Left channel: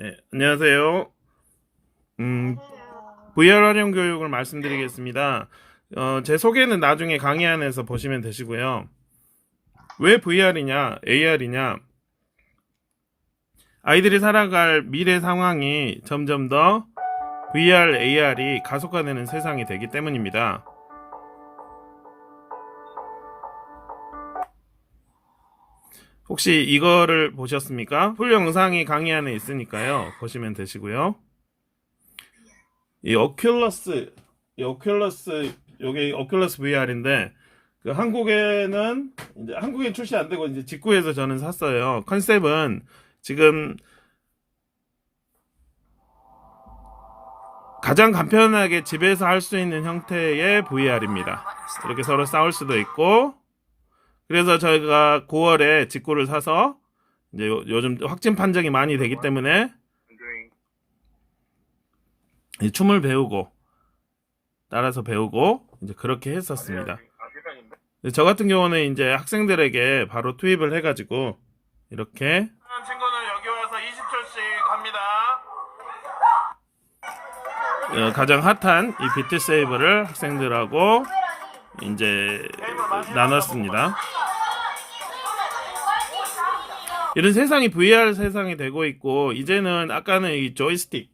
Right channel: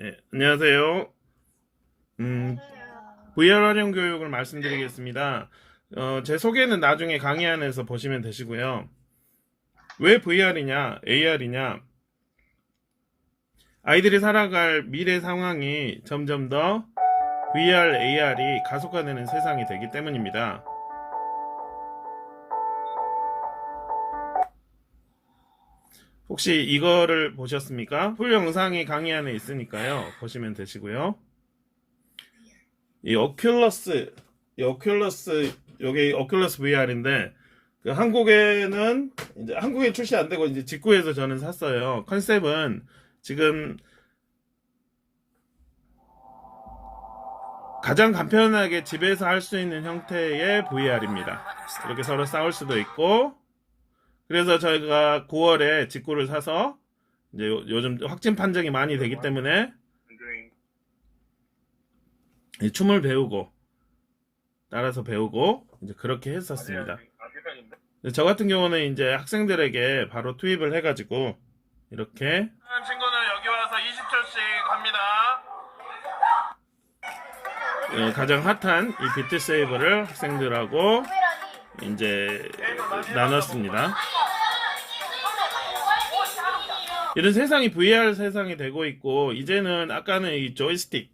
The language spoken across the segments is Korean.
네, 안녕하세요. 음, 안녕하세요. VR 활용 교육을 말씀드리겠습니다. 제 소개는 나중에 강의 안에서 보시면 되시고요. 왜 VR이냐, AR이냐, 아이들이 살아갈 미래 상황이 점점 더 VR, AR이 가속화되는 세상이 되기 때문입니다. 혹시 이거를 보셨습니까? 풀 영상이 강의 안에 있으니까요. 보시면 되시고요. 이 오큘러스, 요게 오큘러스 VR인데, 한국에는, 이제 한국에 출시 안 되고, 이제 직구해서 저는 샀어요. 컨셉은 지금 가장 간편하게 집에서 할 수 있는 형태의 VR입니다. 이렇게 서로 싸울 수도 있고, 그래서 저희가 9월에 직구를 사서, 이제 요즘 확진 판정이 많이 되기 때문에, 이 춤을 배우고, 따라서 배우고, 이제 그렇게 했었습니다. 저 같은 경우는 이제 학생들에게 바로 투입을 해가지고 이렇게 친구는 여기 와서 20초씩 합니다. 가장 핫한 이 비트 세이브를 학생들하고 이제 나눴습니다. 이런 세상이 VR 세상이 되고 있고, 이제는 아까는 이 조이스틱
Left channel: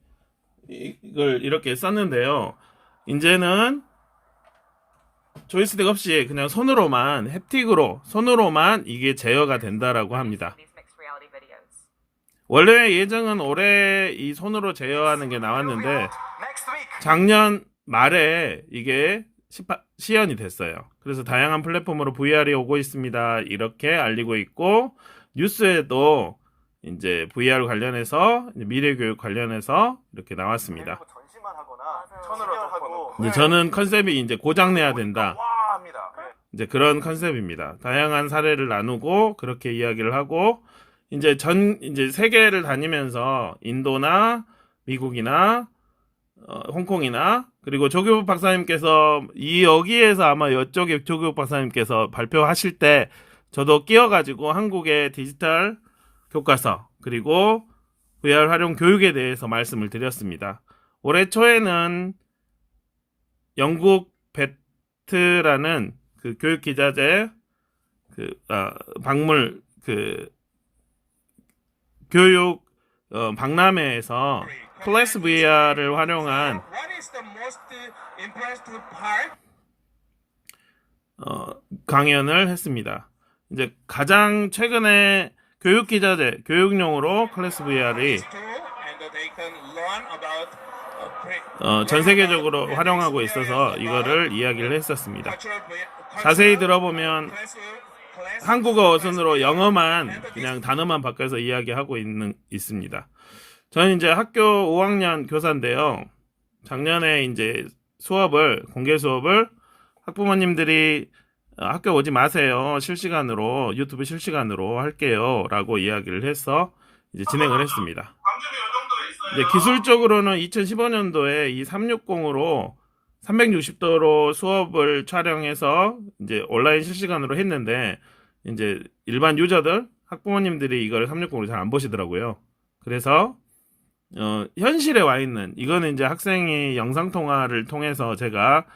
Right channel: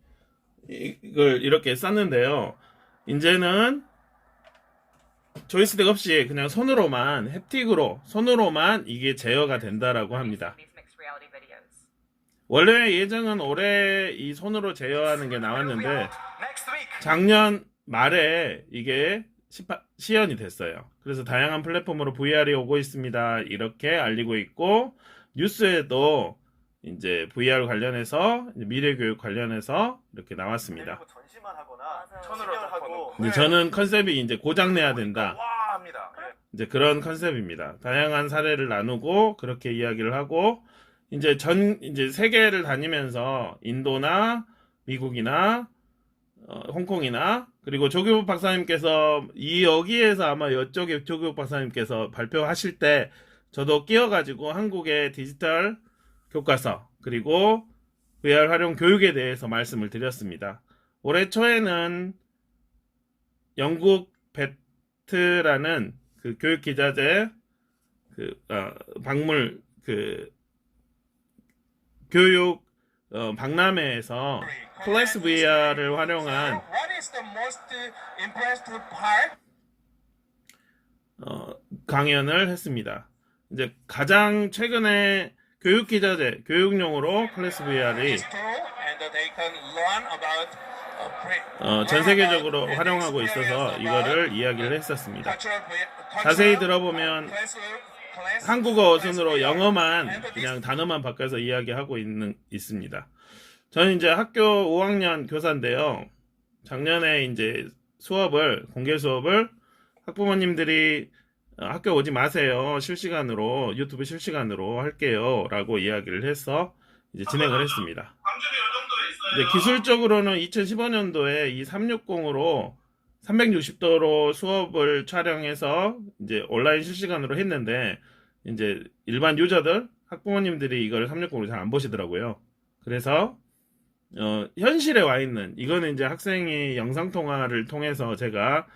이걸 이렇게 쌌는데요. 이제는 조이스틱 없이 그냥 손으로만, 햅틱으로 손으로만 이게 제어가 된다라고 합니다. 원래 예정은 올해 이 손으로 제어하는 게 나왔는데 작년 말에 이게 시연이 됐어요. 그래서 다양한 플랫폼으로 VR이 오고 있습니다. 이렇게 알리고 있고, 뉴스에도 이제 VR 관련해서 미래교육 관련해서 이렇게 나왔습니다. 이제 저는 컨셉이 이제 고장내야 된다. 이제 그런 컨셉입니다. 다양한 사례를 나누고 그렇게 이야기를 하고, 이제 세계를 다니면서 인도나 미국이나 홍콩이나, 그리고 조교부 박사님께서 여기에서 아마 이쪽에 조교부 박사님께서 발표하실 때 저도 끼어가지고 한국의 디지털 교과서 그리고 VR 활용 교육에 대해서 말씀을 드렸습니다. 올해 초에는 영국 베트라는 그 교육 기자재 박물 교육 박람회에서 클래스 VR을 활용한 강연을 했습니다. 이제 가장 최근에 교육 기자재, 교육용으로 클래스 VR이 전 세계적으로 활용하고 있어서 이거를 이야기를 했었습니다. 자세히 들어보면 한국어 순으로 영어만 그냥 단어만 바꿔서 이야기하고 있습니다. 저는 이제 학교 5학년 교사인데요. 작년에 이제 공개 수업을 학부모님들이 학교 오지 마세요. 실시간으로, 유튜브 실시간으로 할게요. 라고 이야기를 해서 이제 진행을 했습니다. 이제 기술적으로는 2015년도에 이 360으로 360도로 수업을 촬영해서 이제 온라인 실시간으로 했는데, 이제 일반 유저들, 학부모님들이 이걸 360으로 잘 안 보시더라고요. 그래서 현실에 와 있는, 이거는 이제 학생이 영상통화를 통해서 제가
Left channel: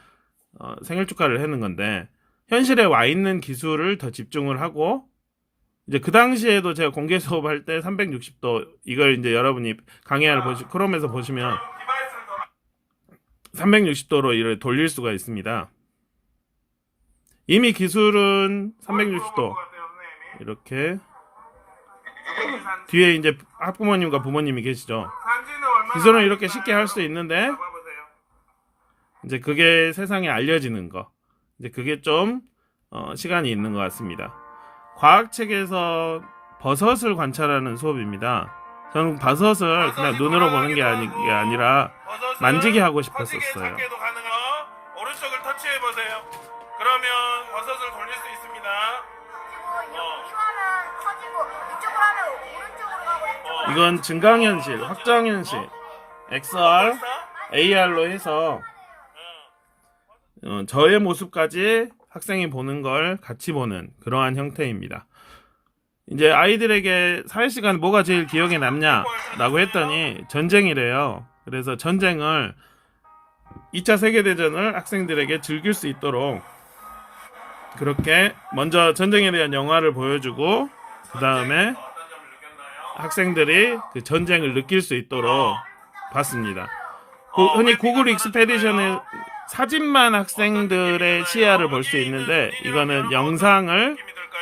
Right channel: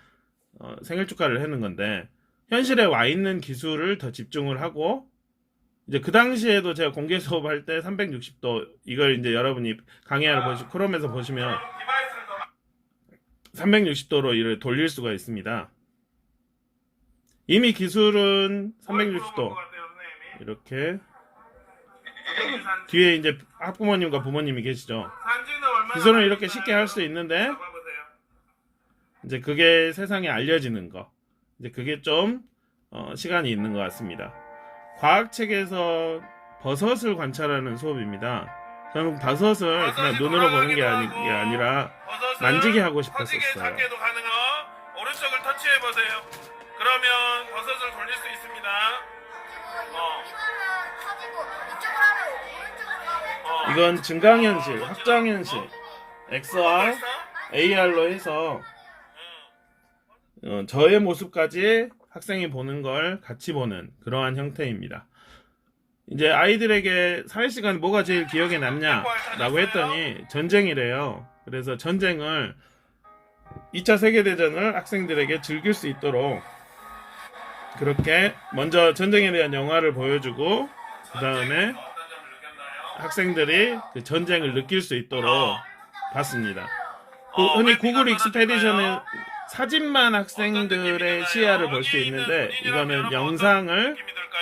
생일 축하를 하는 건데, 현실에 와 있는 기술을 더 집중을 하고, 이제 그 당시에도 제가 공개 수업할 때 360도, 이걸 이제 여러분이 강의를 크롬에서 보시면 360도로 이를 돌릴 수가 있습니다. 이미 기술은 360도 이렇게, 뒤에 이제 학부모님과 부모님이 계시죠. 기술은 이렇게 쉽게 할 수 있는데, 이제 그게 세상에 알려지는 거, 이제 그게 좀 시간이 있는 것 같습니다. 과학책에서 버섯을 관찰하는 수업입니다. 저는 버섯을 그냥 눈으로 보는 게 아니라 만지게 하고 싶었었어요. 오른쪽을 터치해보세요. 그러면 버섯을 돌릴 수 있습니다. 이건 증강현실, 확정현실, XR, AR로 해서 저의 모습까지 학생이 보는 걸 같이 보는 그러한 형태입니다. 이제 아이들에게 사회시간 뭐가 제일 기억에 남냐라고 했더니 전쟁이래요. 그래서 전쟁을 2차 세계대전을 학생들에게 즐길 수 있도록 그렇게 먼저 전쟁에 대한 영화를 보여주고 그 다음에 학생들이 그 전쟁을 느낄 수 있도록 봤습니다. 흔히 구글 익스페디션은 사진만 학생들의 시야를 볼 수 있는데 이거는 영상을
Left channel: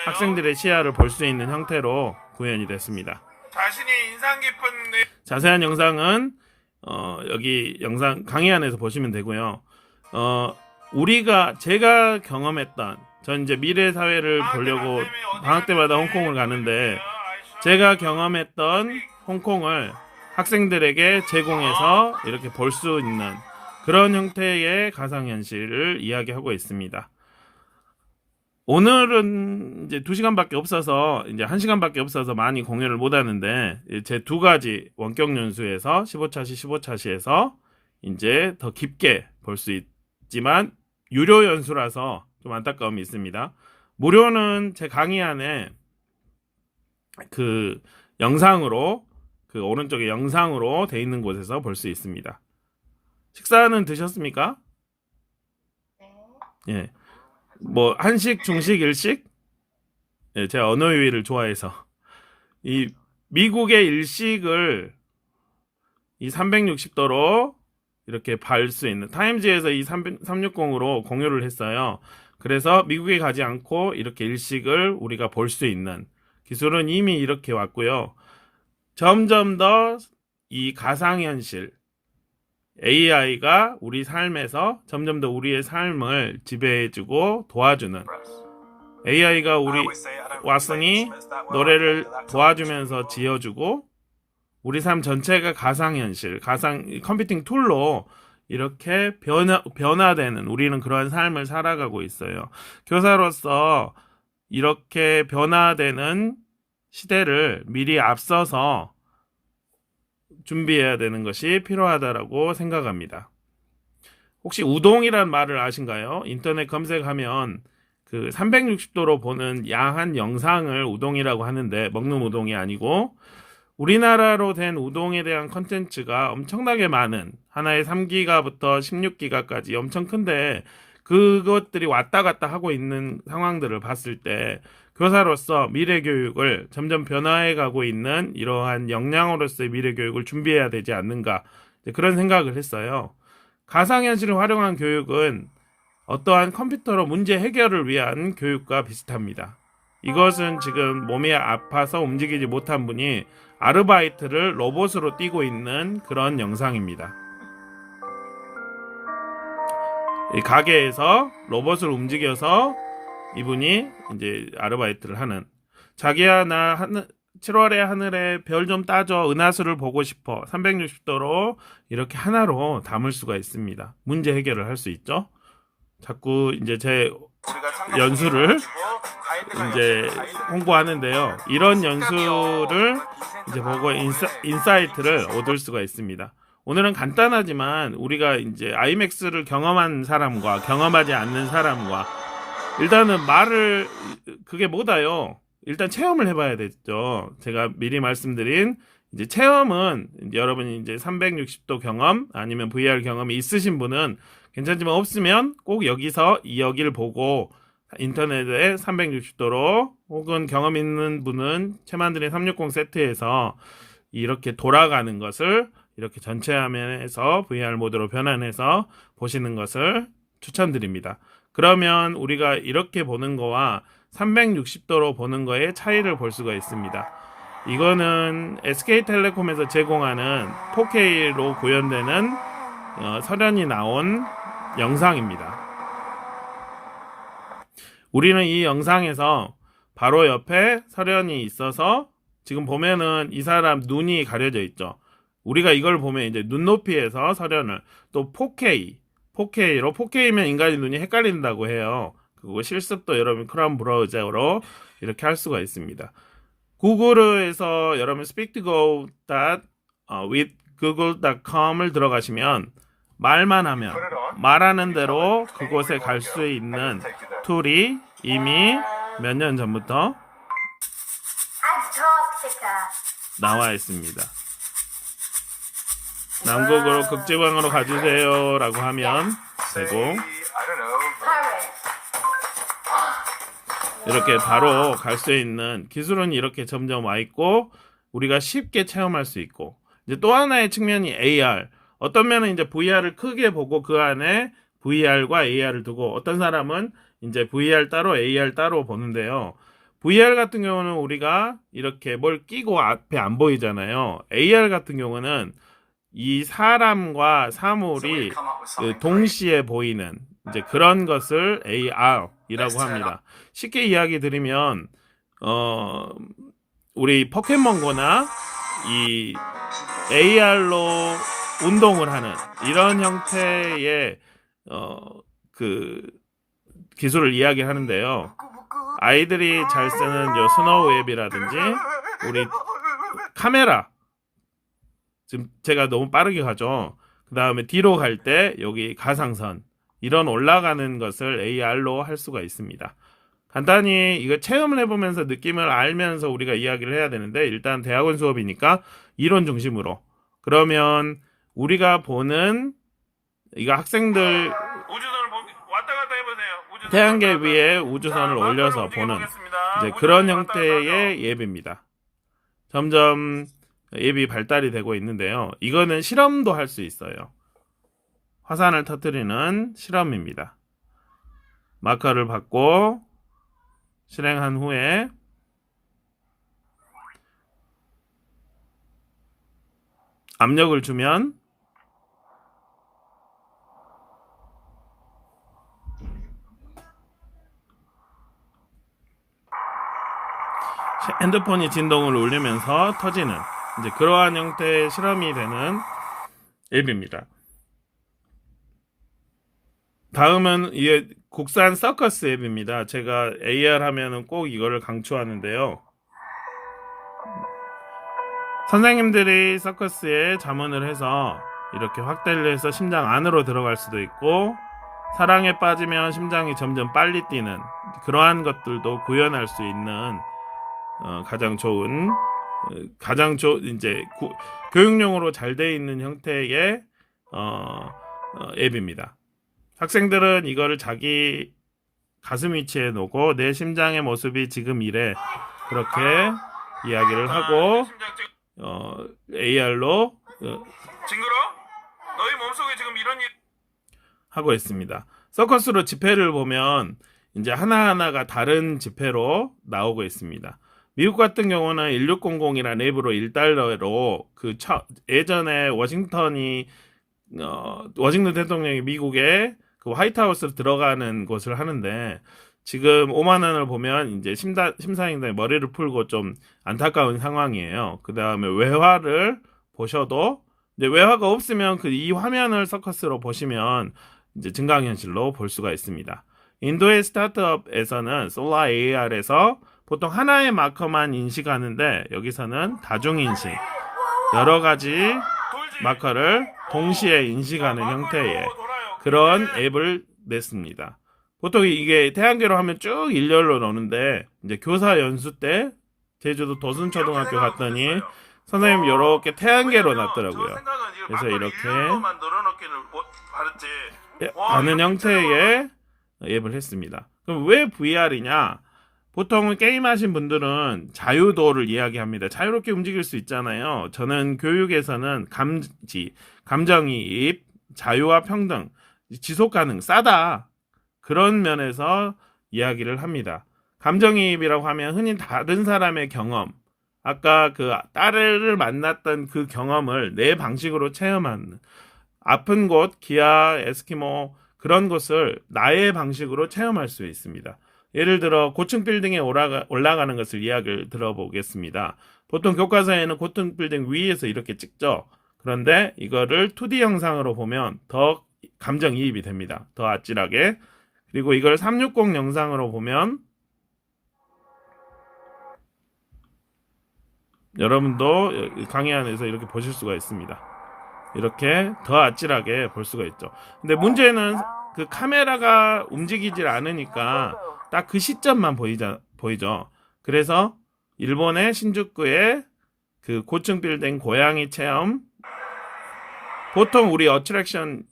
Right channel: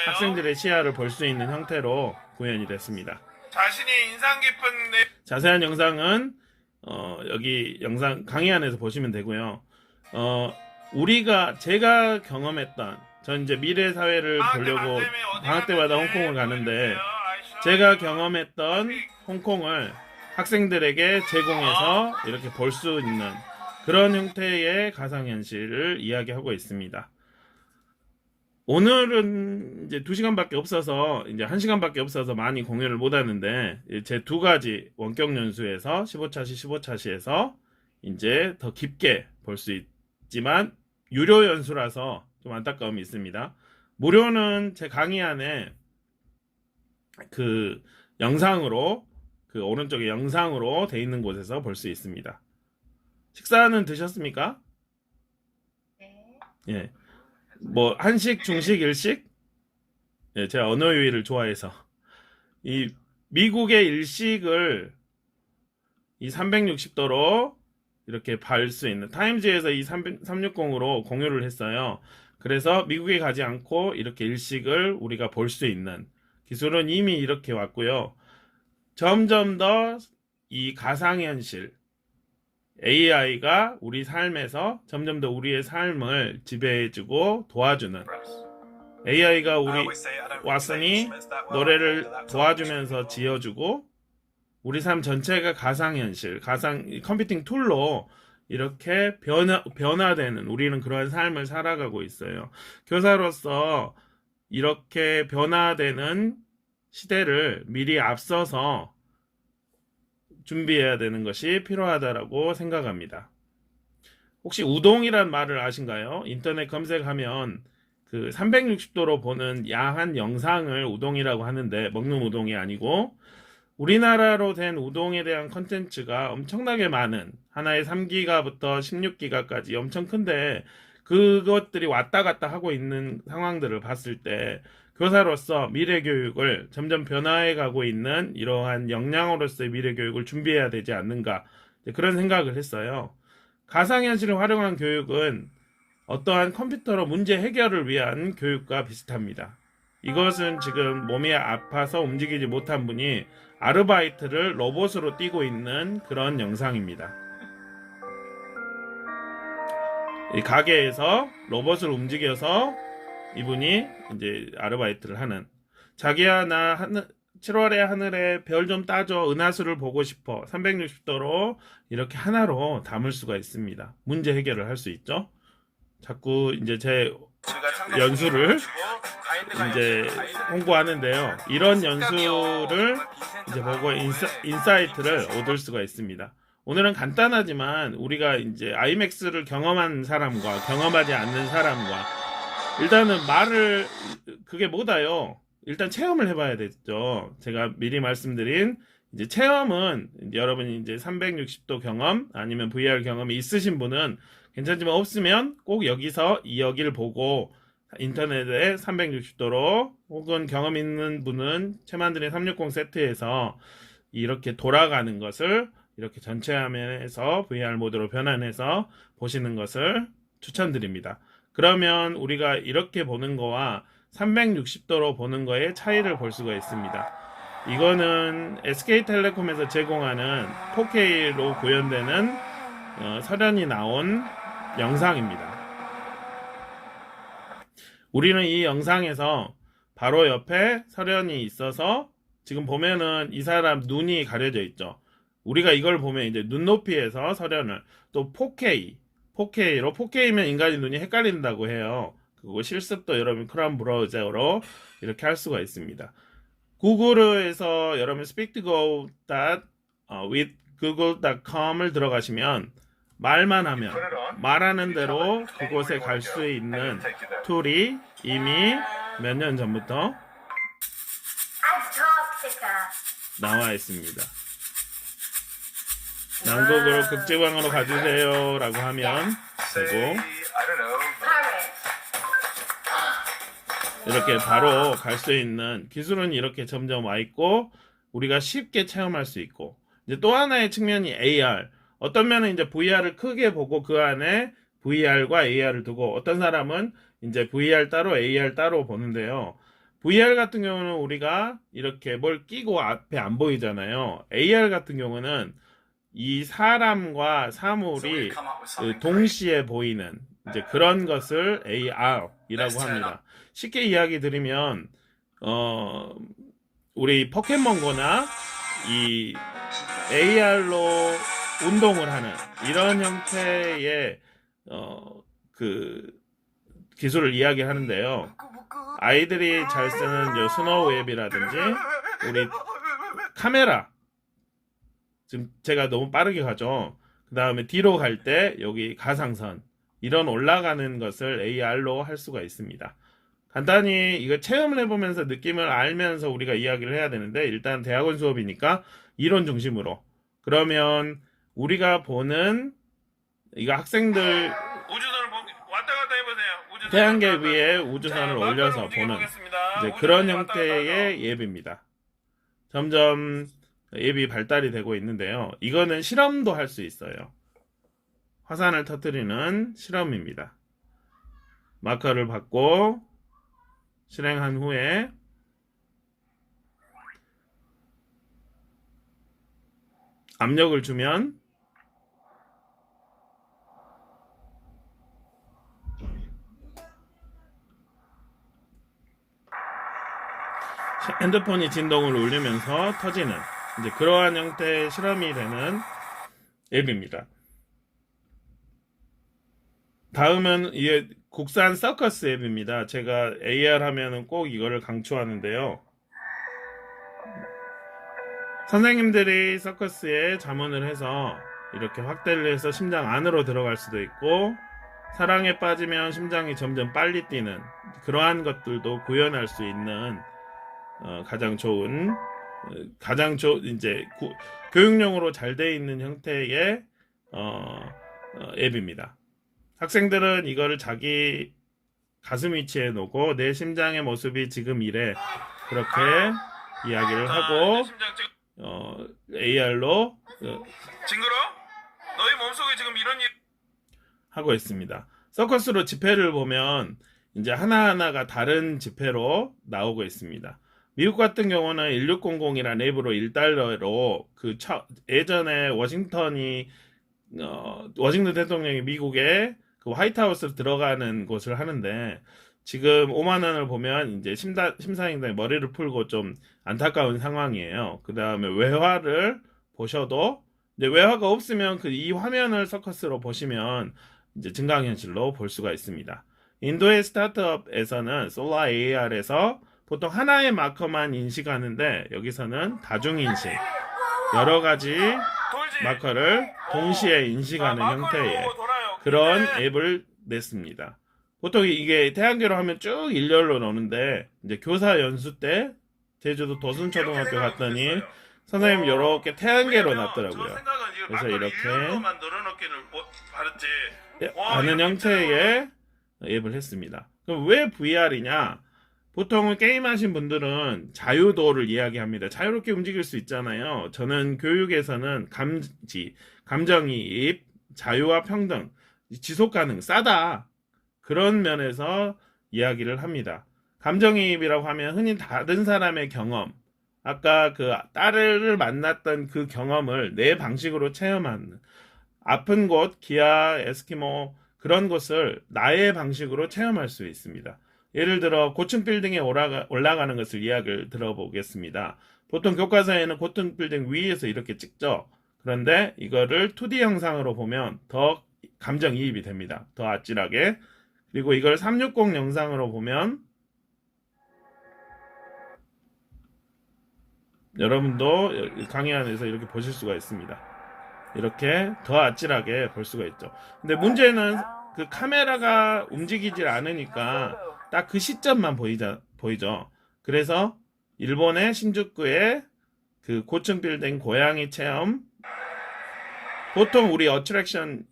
학생들의 시야를 볼 수 있는 형태로 구현이 됐습니다. 자신의 인상 깊은 자세한 영상은 여기 영상 강의 안에서 보시면 되고요. 제가 경험했던 전 이제 미래 사회를 보려고 방학 때마다 홍콩을 가는데 제가 경험했던 홍콩을 학생들에게 제공해서 이렇게 볼 수 있는 그런 형태의 가상현실을 이야기하고 있습니다. 오늘은 이제 2시간밖에 없어서 이제 1시간밖에 없어서 많이 공유를 못 하는데 제 2가지 원격 연수에서 15차시 15차시에서 이제 더 깊게 볼 수 있지만 유료 연수라서 좀 안타까움이 있습니다. 무료는 제 강의 안에 그 영상으로 그 오른쪽에 영상으로 돼 있는 곳에서 볼 수 있습니다. 식사는 드셨습니까? 예. 뭐 한식, 중식, 일식? 예, 제가 언어 유희를 좋아해서 이 미국의 일식을 이 360도로 이렇게 볼 수 있는 타임즈에서 이 360으로 공유를 했어요. 그래서 미국에 가지 않고 이렇게 일식을 우리가 볼 수 있는 기술은 이미 이렇게 왔고요. 점점 더 이 가상현실 AI가 우리 삶에서 점점 더 우리의 삶을 지배해주고 도와주는 AI가 우리 왓슨이 노래를 도와주면서 지어주고 우리 삶 전체가 가상현실, 컴퓨팅 툴로 이렇게 변화되는 우리는 그러한 삶을 살아가고 있어요. 교사로서 이렇게 변화되는 시대를 미리 앞서서 준비해야 되는 것이 필요하다고 생각합니다. 혹시 우동이란 말을 아신가요? 인터넷 검색하면 그 360도로 보는 야한 영상을 우동이라고 하는데 먹는 우동이 아니고 우리나라로 된 우동에 대한 컨텐츠가 엄청나게 많은 하나에 3기가부터 16기가까지 엄청 큰데 그것들이 왔다 갔다 하고 있는 상황들을 봤을 때 교사로서 미래 교육을 점점 변화해 가고 있는 이러한 역량으로서의 미래 교육을 준비해야 되지 않는가 그런 생각을 했어요. 가상현실을 활용한 교육은 어떠한 컴퓨터로 문제 해결을 위한 교육과 비슷합니다. 이것은 지금 몸이 아파서 움직이지 못한 분이 아르바이트를 로봇으로 뛰고 있는 그런 영상입니다. 이 가게에서 로봇을 움직여서 이분이 이제 아르바이트를 하는 자기야 나 7월의 하늘에 별 좀 따줘 은하수를 보고 싶어 360도로 이렇게 하나로 담을 수가 있습니다. 문제 해결을 할 수 있죠. 자꾸 이제 제 연수를 이제 홍보하는데요. 이런 연수를 이제 보고 인사이트를 얻을 수가 있습니다. 오늘은 간단하지만 우리가 이제 아이맥스를 경험한 사람과 경험하지 않는 사람과 일단은 그게 뭐다요? 일단 체험을 해봐야 되죠. 제가 미리 말씀드린 이제 체험은 이제 여러분이 이제 360도 경험 아니면 VR 경험이 있으신 분은 괜찮지만 없으면 꼭 여기를 보고 인터넷에 360도로 혹은 경험 있는 분은 채만드린 360 세트에서 이렇게 돌아가는 것을 이렇게 전체 화면에서 VR 모드로 변환해서 보시는 것을 추천드립니다. 그러면 우리가 이렇게 보는 거와 360도로 보는 거의 차이를 볼 수가 있습니다. 이거는 SK텔레콤에서 제공하는 4K로 구현되는 설현이 나온 영상입니다. 우리는 이 영상에서 바로 옆에 설현이 있어서 지금 보면은 이 사람 눈이 가려져 있죠. 우리가 이걸 보면 이제 눈높이에서 설현을 또 4K로 4K면 인간의 눈이 헷갈린다고 해요. 그거 실습도 여러분 크롬 브라우저로 이렇게 할 수가 있습니다. 구글에서 여러분 speak2go with google.com을 들어가시면 말만 하면 말하는 대로 그곳에 갈 수 있는 툴이 이미 몇 년 전부터 나와 있습니다. 남극으로 극지방으로 가주세요 라고 하면 되고, 이렇게 바로 갈 수 있는 기술은 이렇게 점점 와 있고, 우리가 쉽게 체험할 수 있고, 이제 또 하나의 측면이 AR. 어떤 면은 이제 VR을 크게 보고 그 안에 VR과 AR을 두고, 어떤 사람은 이제 VR 따로 AR 따로 보는데요. VR 같은 경우는 우리가 이렇게 뭘 끼고 앞에 안 보이잖아요. AR 같은 경우는 이 사람과 사물이 동시에 보이는 이제 그런 것을 AR이라고 합니다. 쉽게 이야기 드리면 우리 포켓몬고나 이 AR로 운동을 하는 이런 형태의 그 기술을 이야기하는데요. 아이들이 잘 쓰는 스노우 웹이라든지 우리 카메라, 지금 제가 너무 빠르게 가죠. 그 다음에 뒤로 갈 때 여기 가상선, 이런 올라가는 것을 AR로 할 수가 있습니다. 간단히 이거 체험을 해보면서 느낌을 알면서 우리가 이야기를 해야 되는데, 일단 대학원 수업이니까 이론 중심으로. 그러면 우리가 보는 이거 학생들 우주선을 왔다 갔다 해보세요. 우주선 태양계 왔다 갔다. 위에 우주선을 자, 올려서 마크로 보는 움직여보겠습니다. 이제 우주선 그런 왔다 갔다 형태의 앱입니다. 점점 앱이 발달이 되고 있는데요. 이거는 실험도 할 수 있어요. 화산을 터뜨리는 실험입니다. 마커를 받고 실행한 후에 압력을 주면 핸드폰이 진동을 울리면서 터지는 이제 그러한 형태의 실험이 되는 앱입니다. 다음은 이게 국산 서커스 앱입니다. 제가 AR 하면은 꼭 이거를 강추하는데요. 선생님들이 서커스에 자문을 해서 이렇게 확대를 해서 심장 안으로 들어갈 수도 있고, 사랑에 빠지면 심장이 점점 빨리 뛰는 그러한 것들도 구현할 수 있는 가장 좋은 이제 교육용으로 잘 돼 있는 형태의 앱입니다. 학생들은 이거를 자기 가슴 위치에 놓고 내 심장의 모습이 지금 이래, 그렇게 이야기를 하고 AR로 징그러? 너희 몸속에 지금 이런 일 하고 있습니다. 서커스로 지폐를 보면 이제 하나하나가 다른 지폐로 나오고 있습니다. 미국 같은 경우는 1600이라는 앱으로 $1로 예전에 워싱턴 대통령이 미국에 그 화이트하우스로 들어가는 곳을 하는데, 지금 5만 원을 보면 이제 심사위원들이 머리를 풀고 좀 안타까운 상황이에요. 그 다음에 외화를 보셔도 이제 외화가 없으면 이 화면을 서커스로 보시면 이제 증강현실로 볼 수가 있습니다. 인도의 스타트업에서는 솔라 AR에서 보통 하나의 마커만 인식하는데, 여기서는 다중인식, 여러 가지 마커를 동시에 인식하는 형태의 그런 앱을 냈습니다. 보통 이게 태양계로 하면 쭉 일렬로 노는데, 이제 교사 연수 때 제주도 도순초등학교 갔더니 선생님 이렇게 태양계로 놨더라고요. 그래서 이렇게 하는 형태의 앱을 했습니다. 그럼 왜 VR이냐? 보통 게임하신 분들은 자유도를 이야기합니다. 자유롭게 움직일 수 있잖아요. 저는 교육에서는 감정이입, 자유와 평등, 지속 가능, 싸다, 그런 면에서 이야기를 합니다. 감정이입이라고 하면 흔히 다른 사람의 경험, 아까 그 딸을 만났던 그 경험을 내 방식으로 체험하는, 아픈 곳, 기아, 에스키모, 그런 것을 나의 방식으로 체험할 수 있습니다. 예를 들어 고층 빌딩에 올라가는 것을 이야기를 들어보겠습니다. 보통 교과서에는 고층 빌딩 위에서 이렇게 찍죠. 그런데 이거를 2D 영상으로 보면 더 감정이입이 됩니다. 더 아찔하게. 그리고 이걸 360 영상으로 보면 여러분도 강의 안에서 이렇게 보실 수가 있습니다. 이렇게 더 아찔하게 볼 수가 있죠. 근데 문제는 그 카메라가 움직이질 않으니까 딱 그 시점만 보이죠. 그래서 일본의 신주쿠에 그 고층 빌딩 고양이 체험. 보통 우리 어트랙션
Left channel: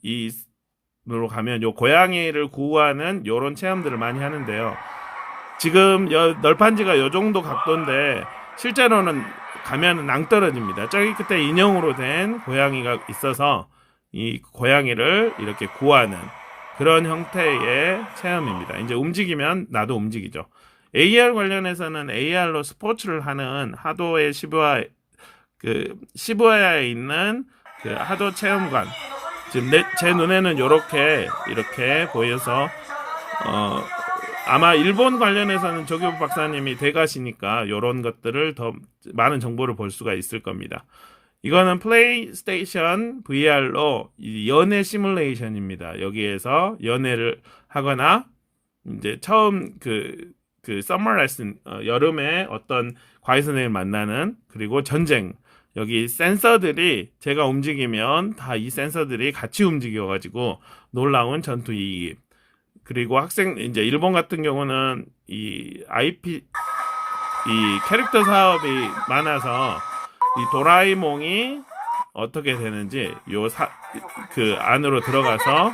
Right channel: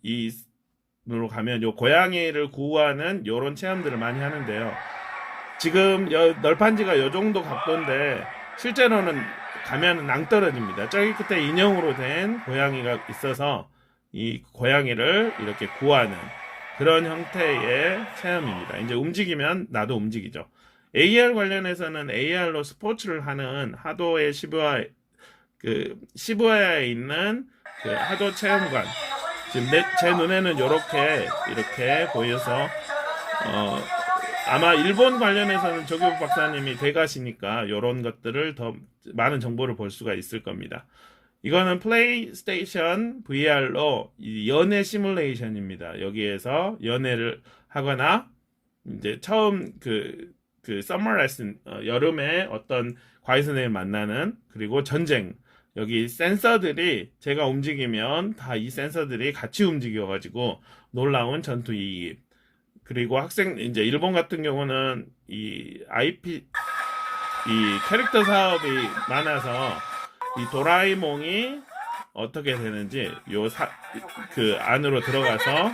으로 가면 요 고양이를 구하는 요런 체험들을 많이 하는데요. 지금 널판지가 요 정도 각도인데 실제로는 가면 낭떠러집니다. 저기 끝에 인형으로 된 고양이가 있어서 이 고양이를 이렇게 구하는 그런 형태의 체험입니다. 이제 움직이면 나도 움직이죠. AR 관련해서는 AR로 스포츠를 하는 하도의 시부야에 있는 그 하도 체험관. 지금 제 눈에는 이렇게 보여서 아마 일본 관련해서는 조교부 박사님이 돼가시니까 이런 것들을 더 많은 정보를 볼 수가 있을 겁니다. 이거는 플레이스테이션 VR로 연애 시뮬레이션입니다. 여기에서 연애를 하거나 이제 처음 그 서머 레슨 여름에 어떤 과외 선생님을 만나는 그리고 전쟁 여기 센서들이 제가 움직이면 다 이 센서들이 같이 움직여가지고 놀라운 전투 이입. 그리고 학생 이제 일본 같은 경우는 이 캐릭터 사업이 많아서 이 도라에몽이 어떻게 되는지 그 안으로 들어가서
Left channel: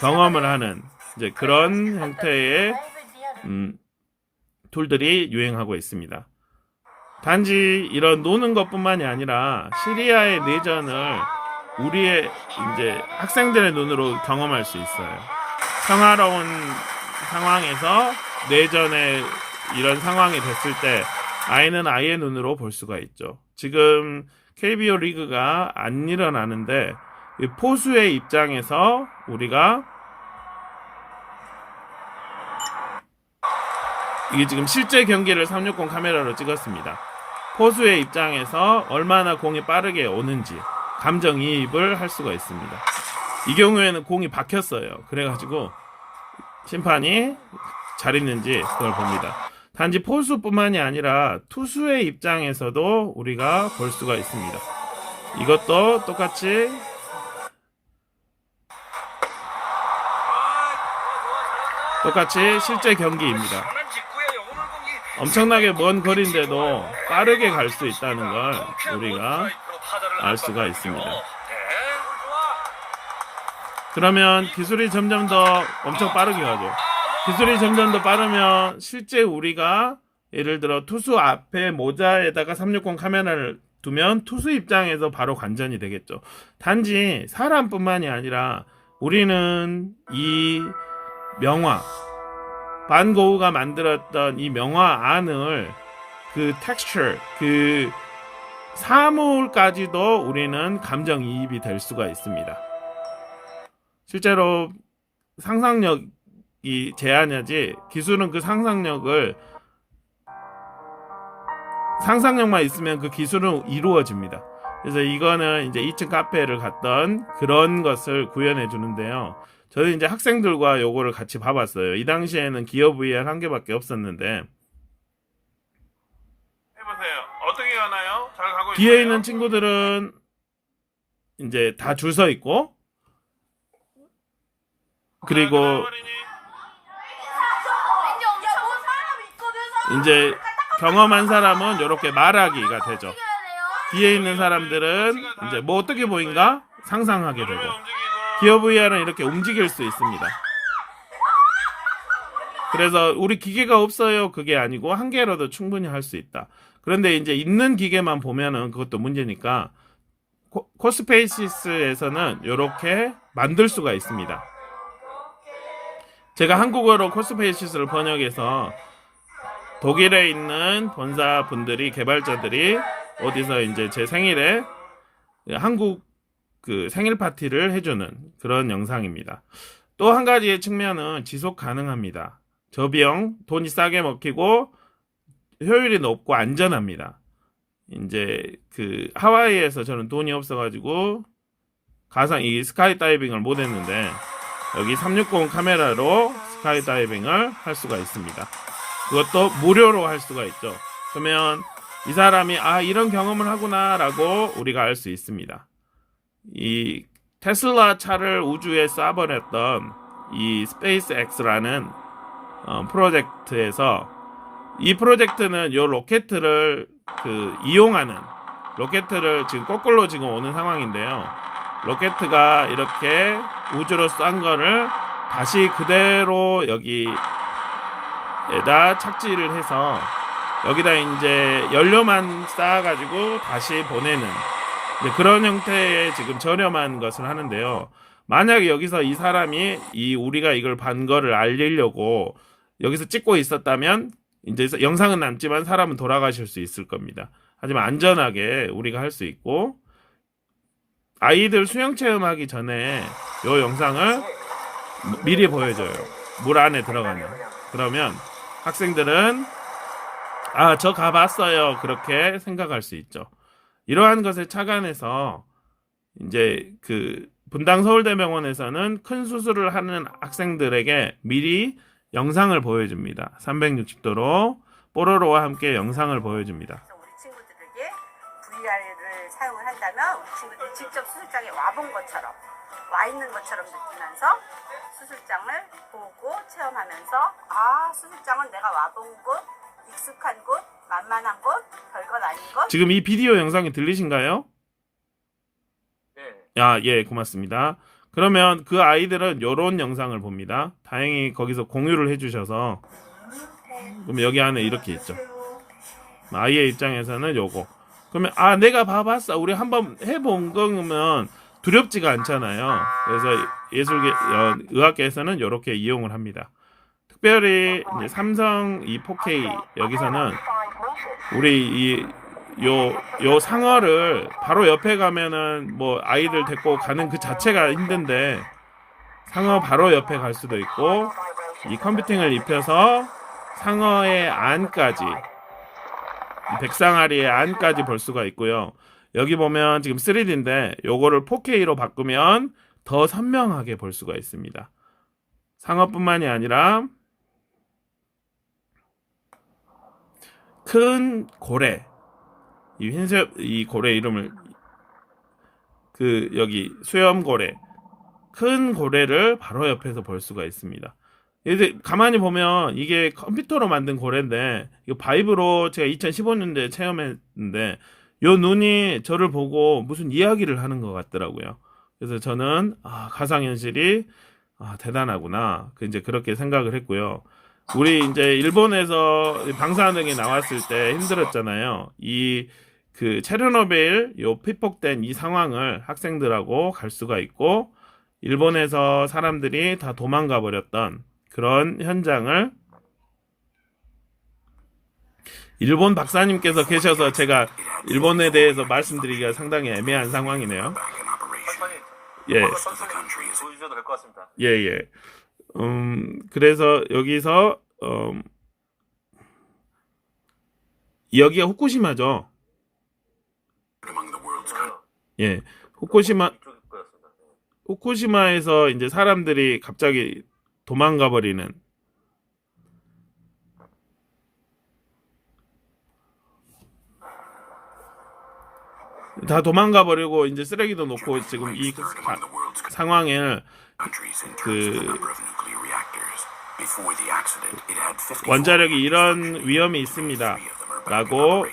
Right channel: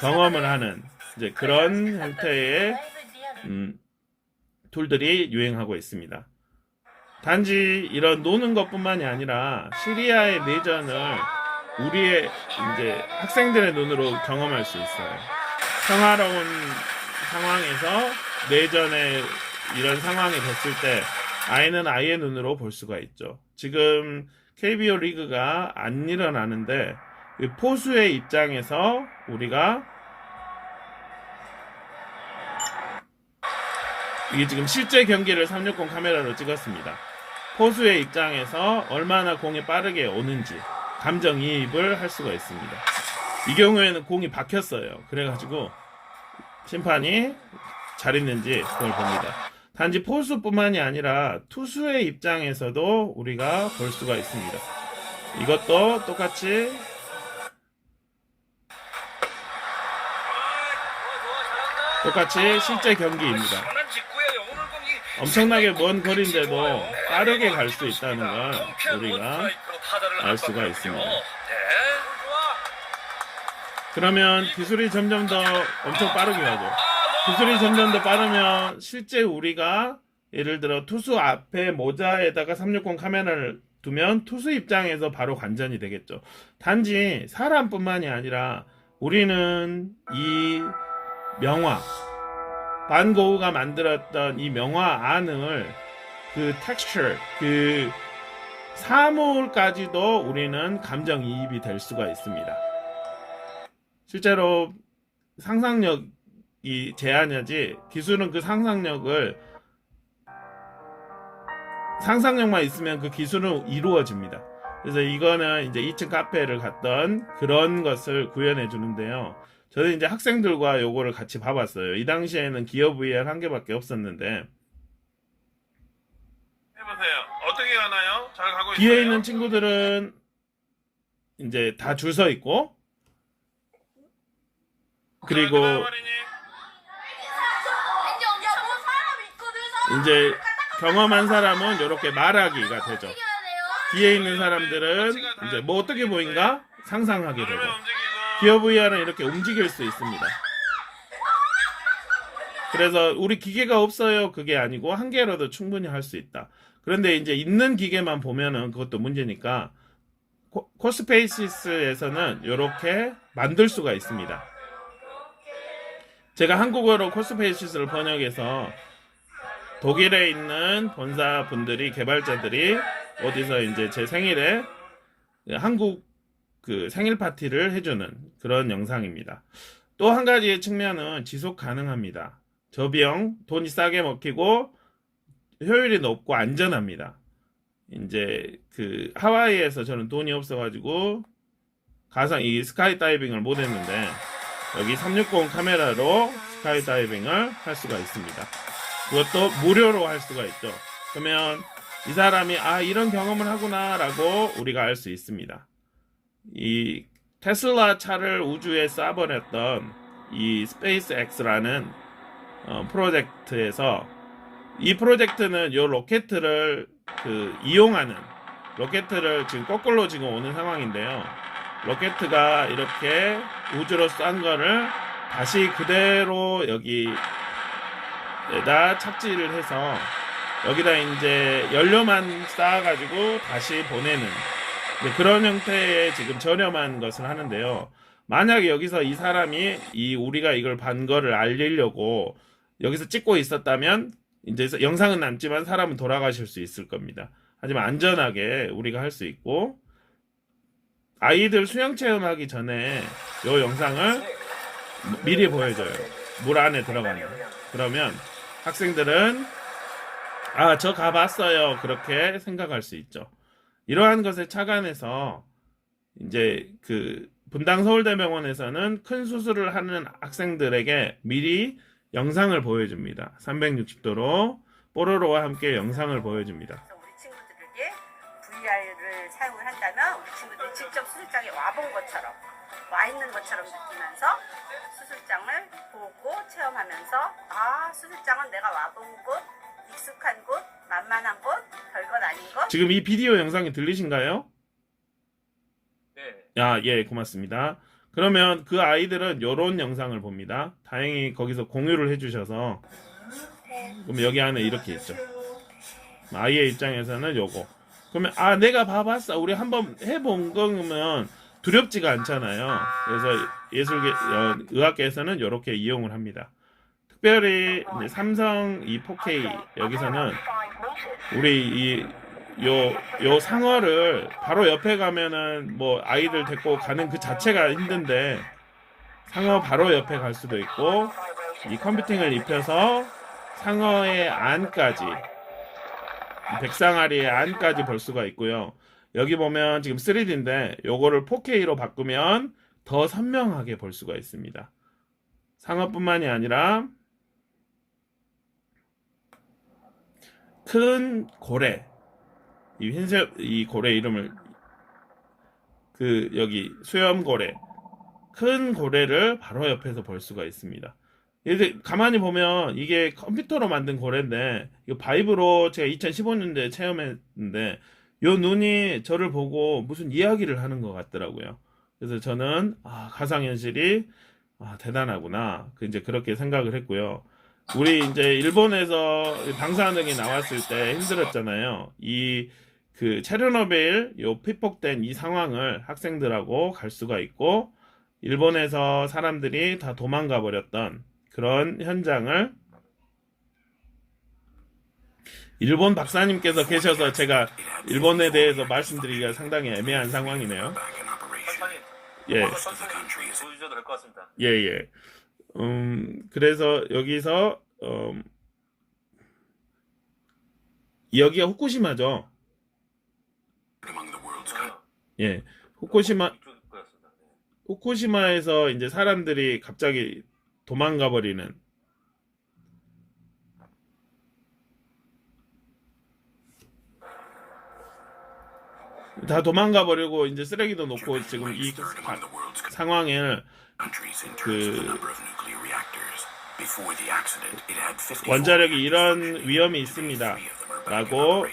경험을 하는 이제 그런 형태의 툴들이 유행하고 있습니다. 단지 이런 노는 것뿐만이 아니라 시리아의 내전을 우리의 이제 학생들의 눈으로 경험할 수 있어요. 평화로운 상황에서 내전의 이런 상황이 됐을 때 아이는 아이의 눈으로 볼 수가 있죠. 지금 KBO 리그가 안 일어나는데 포수의 입장에서 우리가 이게 지금 실제 경기를 360 카메라로 찍었습니다. 포수의 입장에서 얼마나 공이 빠르게 오는지 감정이입을 할 수가 있습니다. 이 경우에는 공이 박혔어요. 그래가지고 심판이 잘 있는지 그걸 봅니다. 단지 포수뿐만이 아니라 투수의 입장에서도 우리가 볼 수가 있습니다. 이것도 똑같이 실제 경기입니다. 엄청나게 먼 거리인데도 빠르게 갈 수 있다는 걸 우리가 알 수가 있습니다. 그러면 기술이 점점 더 엄청 빠르게 가죠. 기술이 점점 더 빠르면 실제 우리가 예를 들어 투수 앞에 모자에다가 360 카메라를 두면 투수 입장에서 바로 관전이 되겠죠. 단지 사람뿐만이 아니라 우리는 이 명화 반 고흐가 만들었던 이 명화 안을 그 텍스처 그 사물까지도 우리는 감정이입이 될 수가 있습니다. 실제로 상상력이 제한이지 기술은 그 상상력만 있으면 그 기술은 이루어집니다. 그래서 이거는 이제 2층 카페를 갔던 그런 것을 구현해 주는데요. 저는 이제 학생들과 요거를 같이 봐봤어요. 이 당시에는 기어 VR 한 개밖에 없었는데 해보세요. 어떻게 가나요? 잘 가고 있어요? 뒤에 있는 친구들은 이제 다 줄 서 있고 그리고 이제 경험한 사람은 이렇게 말하기가 되죠. 뒤에 있는 사람들은 이제 뭐 어떻게 보인가 상상하게 되죠. 기어 VR은 이렇게 움직일 수 있습니다. 그래서 우리 기계가 없어요 그게 아니고 한 개로도 충분히 할 수 있다. 그런데 이제 있는 기계만 보면은 그것도 문제니까 코스페이시스에서는 이렇게 만들 수가 있습니다. 제가 한국어로 코스페이시스를 번역해서 독일에 있는 본사분들이 개발자들이 어디서 이제 제 생일에 한국 그 생일 파티를 해주는 그런 영상입니다. 또 한 가지의 측면은 지속 가능합니다. 저비용, 돈이 싸게 먹히고 효율이 높고 안전합니다. 이제 그 하와이에서 저는 돈이 없어가지고 가상 이 스카이 다이빙을 못 했는데 여기 360 카메라로 스카이 다이빙을 할 수가 있습니다. 그것도 무료로 할 수가 있죠. 그러면 이 사람이 이런 경험을 하구나 라고 우리가 알 수 있습니다. 이 테슬라 차를 우주에 쏴버렸던 이 스페이스X라는 프로젝트에서 이 프로젝트는 이 로켓을 이용하는 로켓을 지금 거꾸로 지금 오는 상황인데요. 로켓가 이렇게 우주로 쏜 거를 다시 그대로 여기에다 착지를 해서 여기다 이제 연료만 쌓아가지고 다시 보내는 그런 형태의 지금 저렴한 것을 하는데요. 만약에 여기서 이 사람이 우리가 이걸 반 거를 알리려고 여기서 찍고 있었다면 이제 영상은 남지만 사람은 돌아가실 수 있을 겁니다. 하지만 안전하게 우리가 할 수 있고, 아이들 수영 체험하기 전에 이 영상을 미리 보여줘요. 물 안에 들어가면. 그러면 학생들은 저 가봤어요. 그렇게 생각할 수 있죠. 이러한 것에 착안해서 이제 그 분당 서울대병원에서는 큰 수술을 하는 학생들에게 미리 영상을 보여줍니다. 360도로 뽀로로와 함께 영상을 보여줍니다. 우리 친구들에게 VR을 사용을 한다면 우리 친구들이 직접 수술장에 와본 것처럼 와 있는 것처럼 느끼면서 수술장을 보고 체험하면서 수술장은 내가 와본 곳, 익숙한 곳, 만만한 곳, 별건 아닌 곳. 지금 이 비디오 영상이 들리신가요? 네. 예, 고맙습니다. 그러면 그 아이들은 이런 영상을 봅니다. 다행히 거기서 공유를 해주셔서 그럼 여기 안에 이렇게 있죠. 아이의 입장에서는 요거. 그러면 내가 봐봤어. 우리 한번 해본 거면 두렵지가 않잖아요. 그래서 의학계에서는 이렇게 이용을 합니다. 특별히 이제 삼성 이 4K 여기서는 우리 요 상어를 바로 옆에 가면은 뭐 아이들 데리고 가는 그 자체가 힘든데 상어 바로 옆에 갈 수도 있고 이 컴퓨팅을 입혀서 상어의 안까지 백상아리의 안까지 볼 수가 있고요. 여기 보면 지금 3D인데 요거를 4K로 바꾸면 더 선명하게 볼 수가 있습니다. 상어뿐만이 아니라 큰 고래, 이 고래 이름을 여기 수염고래, 큰 고래를 바로 옆에서 볼 수가 있습니다. 이제 가만히 보면 이게 컴퓨터로 만든 고래인데 이거 바이브로 제가 2015년도에 체험했는데 요 눈이 저를 보고 무슨 이야기를 하는 것 같더라고요. 그래서 저는 가상현실이 대단하구나 이제 그렇게 생각을 했고요. 우리 이제 일본에서 방사능이 나왔을 때 힘들었잖아요. 그 체르노빌 요 피폭된 이 상황을 학생들하고 갈 수가 있고 일본에서 사람들이 다 도망가 버렸던 그런 현장을 일본 박사님께서 계셔서 제가 일본에 대해서 말씀드리기가 상당히 애매한 상황이네요. 예. 보여주셔도 될 것 같습니다. 예. 그래서 여기서 여기가 후쿠시마죠. 예. 후쿠시마에서 이제 사람들이 갑자기 도망가 버리는 다 도망가 버리고 이제 쓰레기도 놓고 지금 이 상황을 원자력이 이런 위험이 있습니다 라고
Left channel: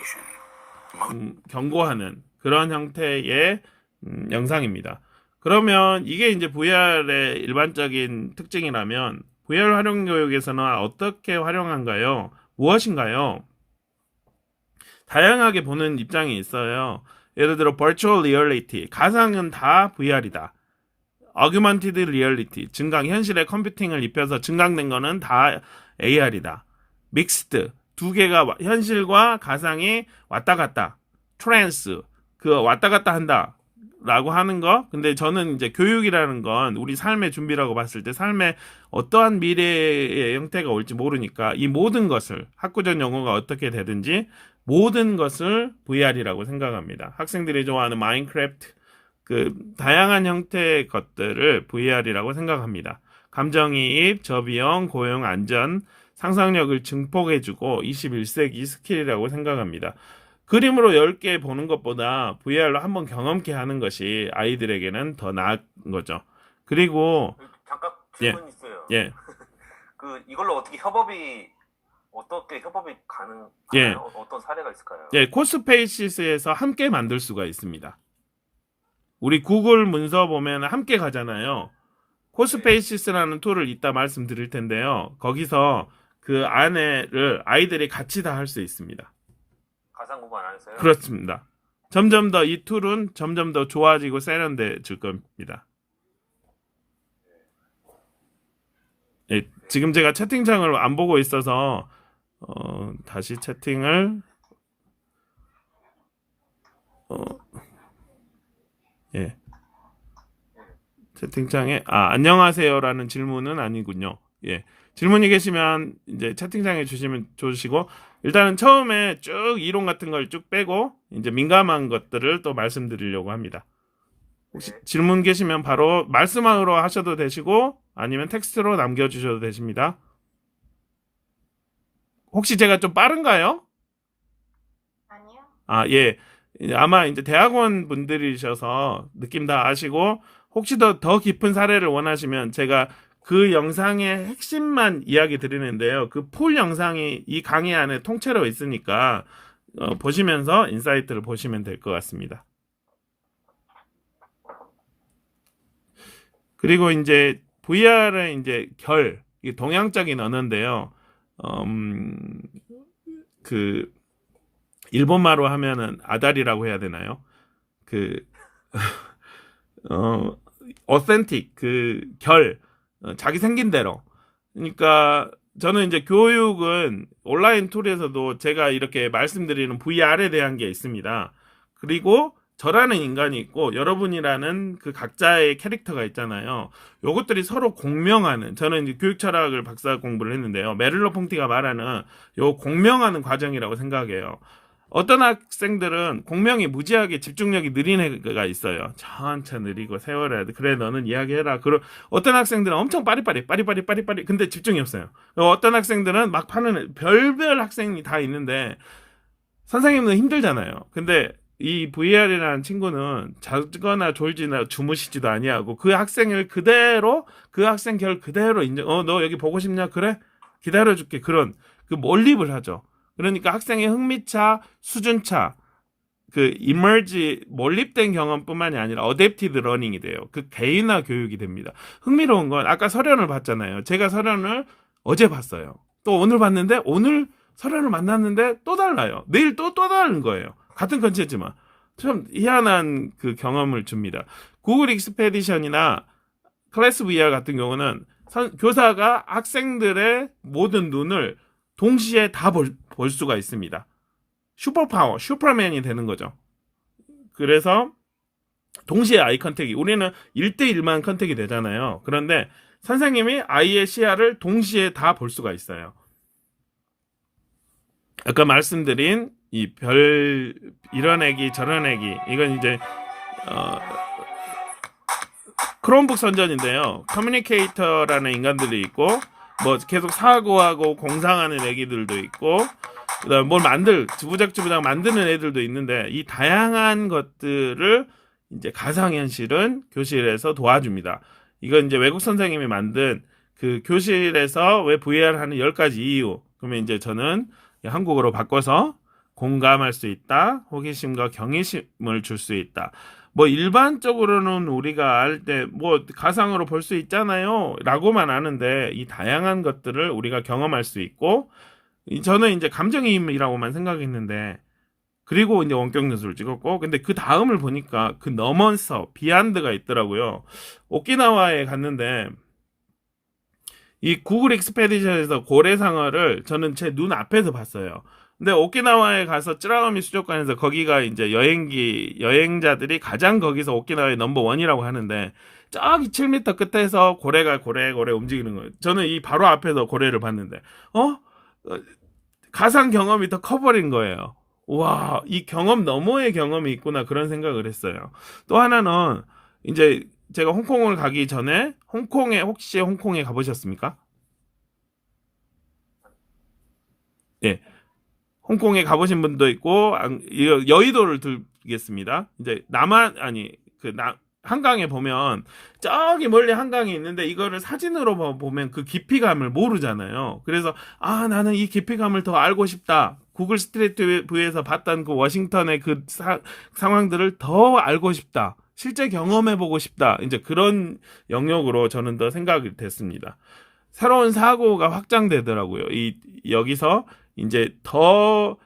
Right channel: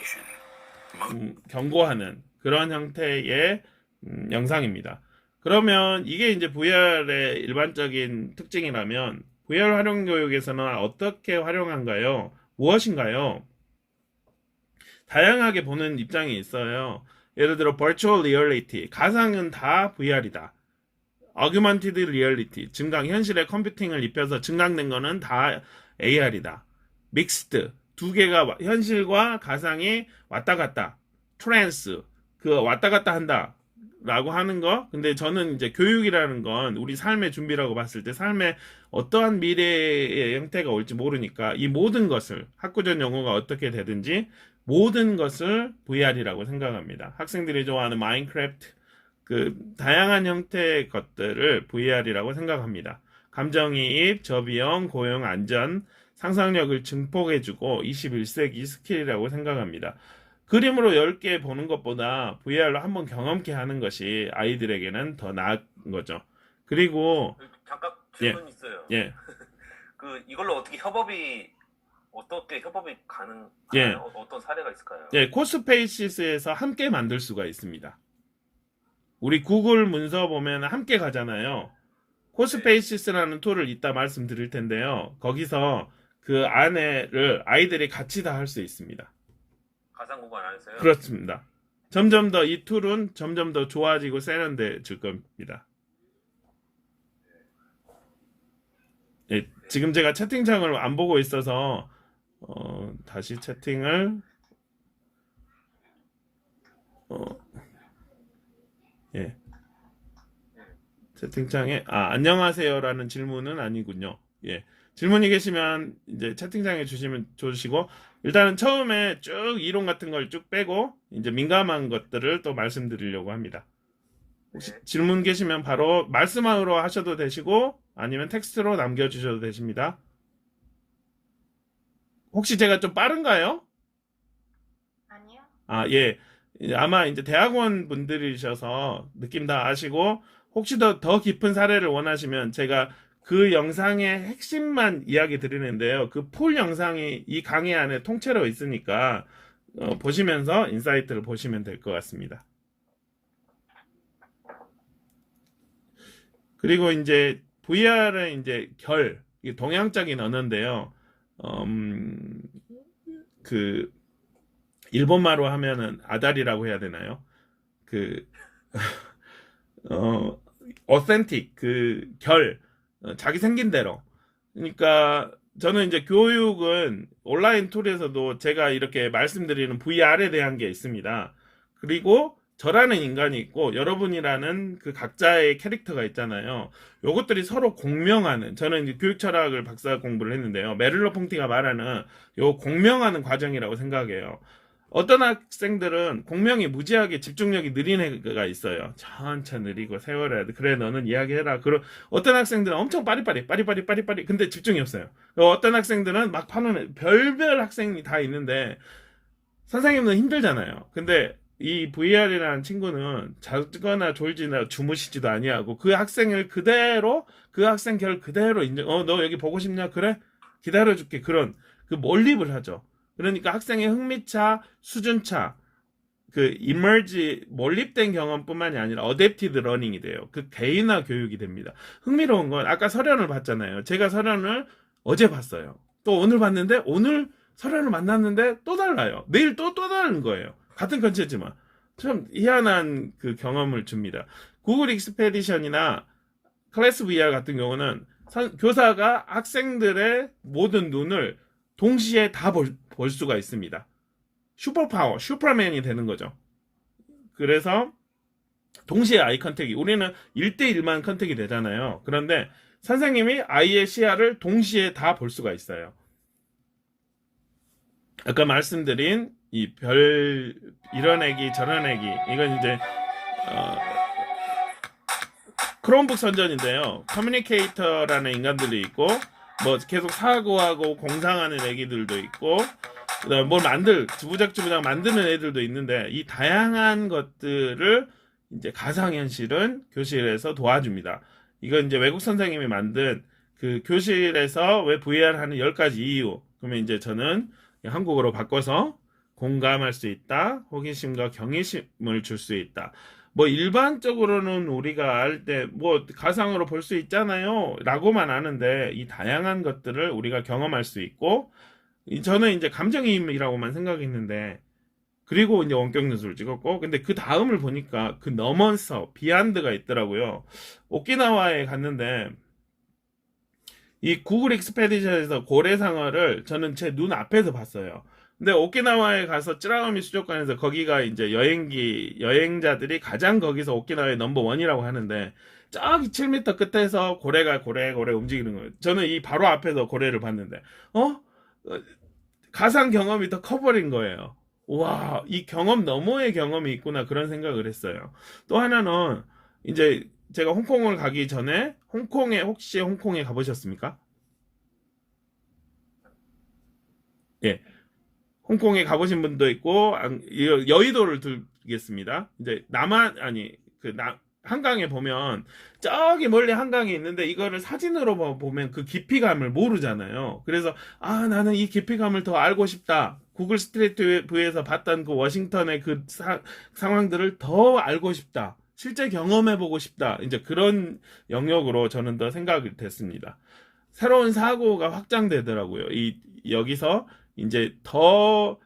경고하는 그런 형태의 영상입니다. 그러면 이게 이제 VR의 일반적인 특징이라면 VR 활용 교육에서는 어떻게 활용한가요? 무엇인가요? 다양하게 보는 입장이 있어요. 예를 들어 Virtual Reality, 가상은 다 VR이다. Augmented Reality, 증강, 현실의 컴퓨팅을 입혀서 증강된 거는 다 AR이다. Mixed, 두 개가 현실과 가상이 왔다 갔다. Trance, 왔다 갔다 한다. 라고 하는 거. 근데 저는 이제 교육이라는 건 우리 삶의 준비라고 봤을 때 삶의 어떠한 미래의 형태가 올지 모르니까 이 모든 것을 학구적 용어가 어떻게 되든지 모든 것을 VR이라고 생각합니다. 학생들이 좋아하는 마인크래프트 다양한 형태의 것들을 VR이라고 생각합니다. 감정이입, 저비용, 고용, 안전, 상상력을 증폭해주고 21세기 스킬이라고 생각합니다. 그림으로 10개 보는 것보다 VR로 한번 경험케 하는 것이 아이들에게는 더 나은 거죠. 그리고 잠깐 질문 있어요. 예. 이걸로 어떻게 협업이 어떻게 협업이 가능하나요? 예. 어떤 사례가 있을까요? 예, 코스페이시스에서 함께 만들 수가 있습니다. 우리 구글 문서 보면 함께 가잖아요. 코스페이시스라는 툴을 이따 말씀드릴 텐데요. 거기서 그 안에를 아이들이 같이 다 할 수 있습니다. 가상구간 안에서요? 그렇습니다. 점점 더 이 툴은 점점 더 좋아지고 세련돼질 겁니다. 예, 지금 제가 채팅창을 안 보고 있어서 다시 채팅을 예. 채팅창에 안녕하세요라는 질문은 아니군요. 예. 질문이 계시면 이제 채팅창에 주시고 일단은 처음에 쭉 이론 같은 걸 쭉 빼고 이제 민감한 것들을 또 말씀드리려고 합니다. 혹시 질문 계시면 바로 말씀으로 하셔도 되시고 아니면 텍스트로 남겨주셔도 되십니다. 혹시 제가 좀 빠른가요? 아니요. 예. 아마 이제 대학원 분들이셔서 느낌 다 아시고 혹시 더 깊은 사례를 원하시면 제가 그 영상의 핵심만 이야기 드리는데요. 그 풀 영상이 이 강의 안에 통째로 있으니까 보시면서 인사이트를 보시면 될 것 같습니다. 그리고 이제 VR의 이제 이게 동양적인 언어인데요. 그 일본말로 하면은 아다리라고 해야 되나요? 어센틱 자기 생긴 대로. 그러니까 저는 이제 교육은 온라인 툴에서도 제가 이렇게 말씀드리는 VR에 대한 게 있습니다. 그리고 저라는 인간이 있고 여러분이라는 그 각자의 캐릭터가 있잖아요. 요것들이 서로 공명하는, 저는 이제 교육 철학을 박사 공부를 했는데요. 메를로 퐁티가 말하는 요 공명하는 과정이라고 생각해요. 어떤 학생들은 공명이 무지하게 집중력이 느린 애가 있어요. 천천히 느리고 세월해야 돼. 그래 너는 이야기해라. 어떤 학생들은 엄청 빠리빠리 근데 집중이 없어요. 어떤 학생들은 막 파는 별별 학생이 다 있는데 선생님은 힘들잖아요. 근데 이 VR이라는 친구는 자거나 졸지나 주무시지도 아니하고 그 학생 결 그대로 인정. 너 여기 보고 싶냐? 그래? 기다려줄게. 그런 몰입을 하죠. 그러니까 학생의 흥미차, 수준차, 이머지 몰입된 경험뿐만이 아니라 어댑티드 러닝이 돼요. 개인화 교육이 됩니다. 흥미로운 건 아까 설현을 봤잖아요. 제가 설현을 어제 봤어요. 또 오늘 봤는데 오늘 설현을 만났는데 또 달라요. 내일 또 다른 거예요. 같은 컨텐츠지만 참 희한한 경험을 줍니다. 구글 익스페디션이나 클래스 VR 같은 경우는 교사가 학생들의 모든 눈을 동시에 다 볼 수가 있습니다. 슈퍼맨이 되는 거죠. 그래서 동시에 아이 컨택이, 우리는 1대1만 컨택이 되잖아요. 그런데 선생님이 아이의 시야를 동시에 다 볼 수가 있어요. 아까 말씀드린 이런 애기 저런 애기, 이건 이제 크롬북 선전인데요. 커뮤니케이터라는 인간들이 있고 뭐 계속 사고하고 공상하는 애기들도 있고 그다음 주부작 만드는 애들도 있는데 이 다양한 것들을 이제 가상현실은 교실에서 도와줍니다. 이건 이제 외국 선생님이 만든 교실에서 왜 VR 하는 10가지 이유. 그러면 이제 저는 한국어로 바꿔서 공감할 수 있다, 호기심과 경외심을 줄 수 있다. 뭐 일반적으로는 우리가 알 때 뭐 가상으로 볼 수 있잖아요 라고만 아는데 이 다양한 것들을 우리가 경험할 수 있고, 저는 이제 감정이입이라고만 생각했는데, 그리고 이제 원격 연수를 찍었고, 근데 그 다음을 보니까 넘어서 비안드가 있더라고요. 오키나와에 갔는데 이 구글 익스페디션에서 고래상어를 저는 제 눈 앞에서 봤어요. 근데 오키나와에 가서 쯔라가미 수족관에서 거기가 이제 여행자들이 가장 거기서 오키나와의 넘버1이라고 하는데, 저기 7m 끝에서 고래가 고래 움직이는 거예요. 저는 이 바로 앞에서 고래를 봤는데 가상 경험이 더 커버린 거예요. 와, 이 경험 너머의 경험이 있구나, 그런 생각을 했어요. 또 하나는 이제 제가 홍콩을 가기 전에 혹시 홍콩에 가보셨습니까? 예. 홍콩에 가보신 분도 있고, 여의도를 들겠습니다. 이제 한강에 보면 저기 멀리 한강이 있는데 이거를 사진으로 보면 그 깊이감을 모르잖아요. 그래서 아 나는 이 깊이감을 더 알고 싶다. 구글 스트리트 뷰에서 봤던 그 워싱턴의 그 상황들을 더 알고 싶다. 실제 경험해보고 싶다. 이제 그런 영역으로 저는 더 생각이 됐습니다. 새로운 사고가 확장되더라고요. 여기서 이제 더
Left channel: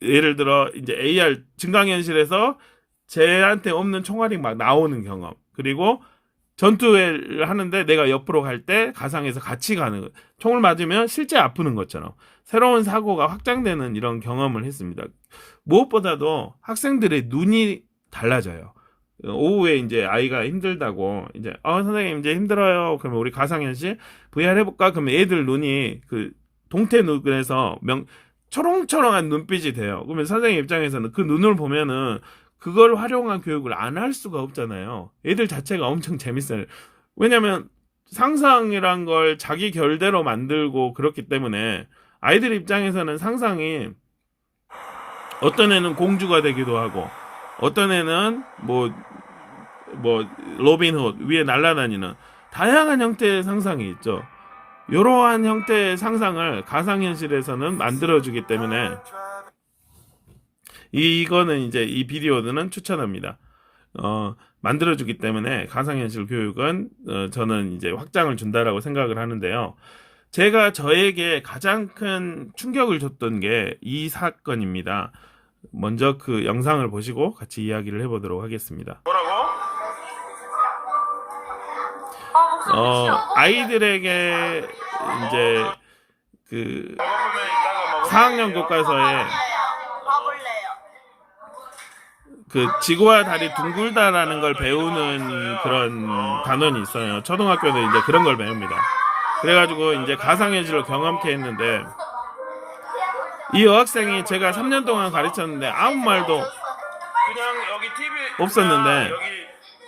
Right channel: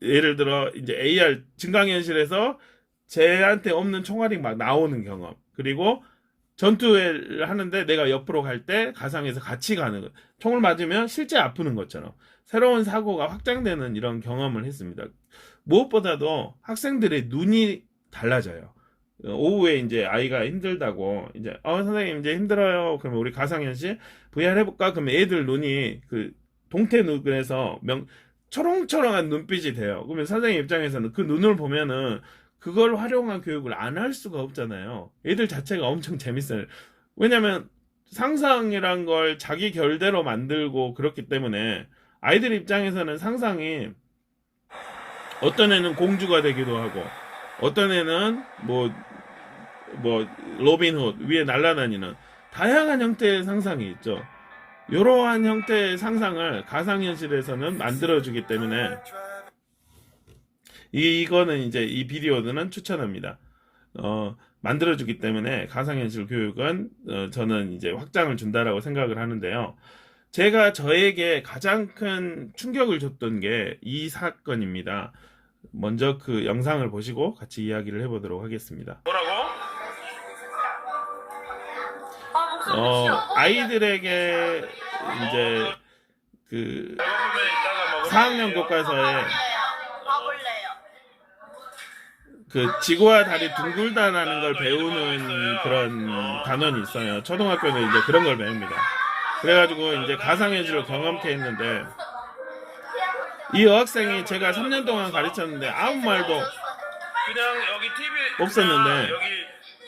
예를 들어 이제 AR 증강현실에서 쟤한테 없는 총알이 막 나오는 경험. 그리고 전투를 하는데 내가 옆으로 갈 때 가상에서 같이 가는 것. 총을 맞으면 실제 아프는 것처럼 새로운 사고가 확장되는 이런 경험을 했습니다. 무엇보다도 학생들의 눈이 달라져요. 오후에 이제 아이가 힘들다고 이제 선생님 이제 힘들어요. 그러면 우리 가상현실 VR 해볼까? 그러면 애들 눈이 그 동태 눈에서 초롱초롱한 눈빛이 돼요. 그러면 선생님 입장에서는 그 눈을 보면은 그걸 활용한 교육을 안 할 수가 없잖아요. 애들 자체가 엄청 재밌어요. 왜냐면 상상이란 걸 자기 결대로 만들고 그렇기 때문에 아이들 입장에서는 상상이 어떤 애는 공주가 되기도 하고 어떤 애는 뭐 로빈 훗 위에 날아다니는 다양한 형태의 상상이 있죠. 이러한 형태의 상상을 가상현실에서는 만들어주기 때문에 이거는 이제 이 비디오는 추천합니다. 만들어주기 때문에 가상현실 교육은 저는 이제 확장을 준다라고 생각을 하는데요. 제가 저에게 가장 큰 충격을 줬던 게 이 사건입니다. 먼저 그 영상을 보시고 같이 이야기를 해보도록 하겠습니다. 뭐라고? 아이들에게 이제 그 4학년 교과서에 그 지구와 달이 둥글다라는 걸 배우는 그런 단원이 있어요. 초등학교는 이제 그런 걸 배웁니다. 그래가지고 이제 가상현실을 경험케 했는데 이 여학생이 제가 3년 동안 가르쳤는데 아무 말도 그냥 여기 TV 없었는데 여기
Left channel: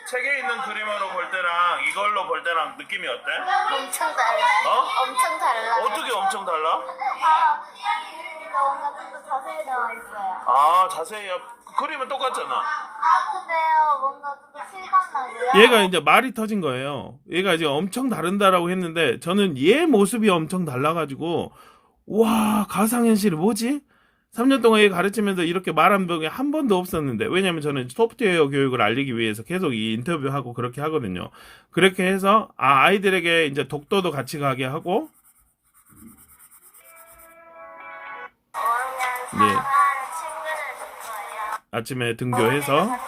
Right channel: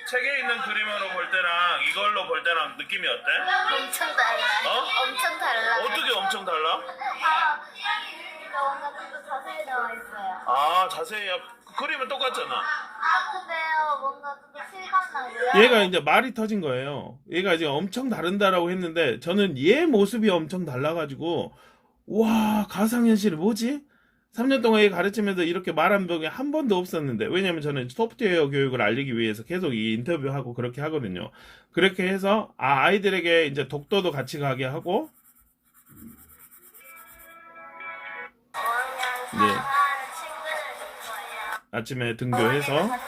책에 있는 그림으로 볼 때랑 이걸로 볼 때랑 느낌이 어때? 엄청 달라. 엄청 달라. 어떻게 엄청 달라? 뭔가 좀 더 자세히 나와 있어요. 아 자세히 그림은 똑같잖아. 근데요, 뭔가 좀 더 실감나고요. 얘가 이제 말이 터진 거예요. 얘가 이제 엄청 다른다라고 했는데 저는 얘 모습이 엄청 달라가지고 와 가상현실이 뭐지? 3년 동안 얘 가르치면서 이렇게 말한 적이 한 번도 없었는데 왜냐면 저는 소프트웨어 교육을 알리기 위해서 계속 이 인터뷰하고 그렇게 하거든요. 그렇게 해서 아이들에게 이제 독도도 같이 가게 하고 네. 친구를 줄 거예요. 아침에 등교해서 그거에는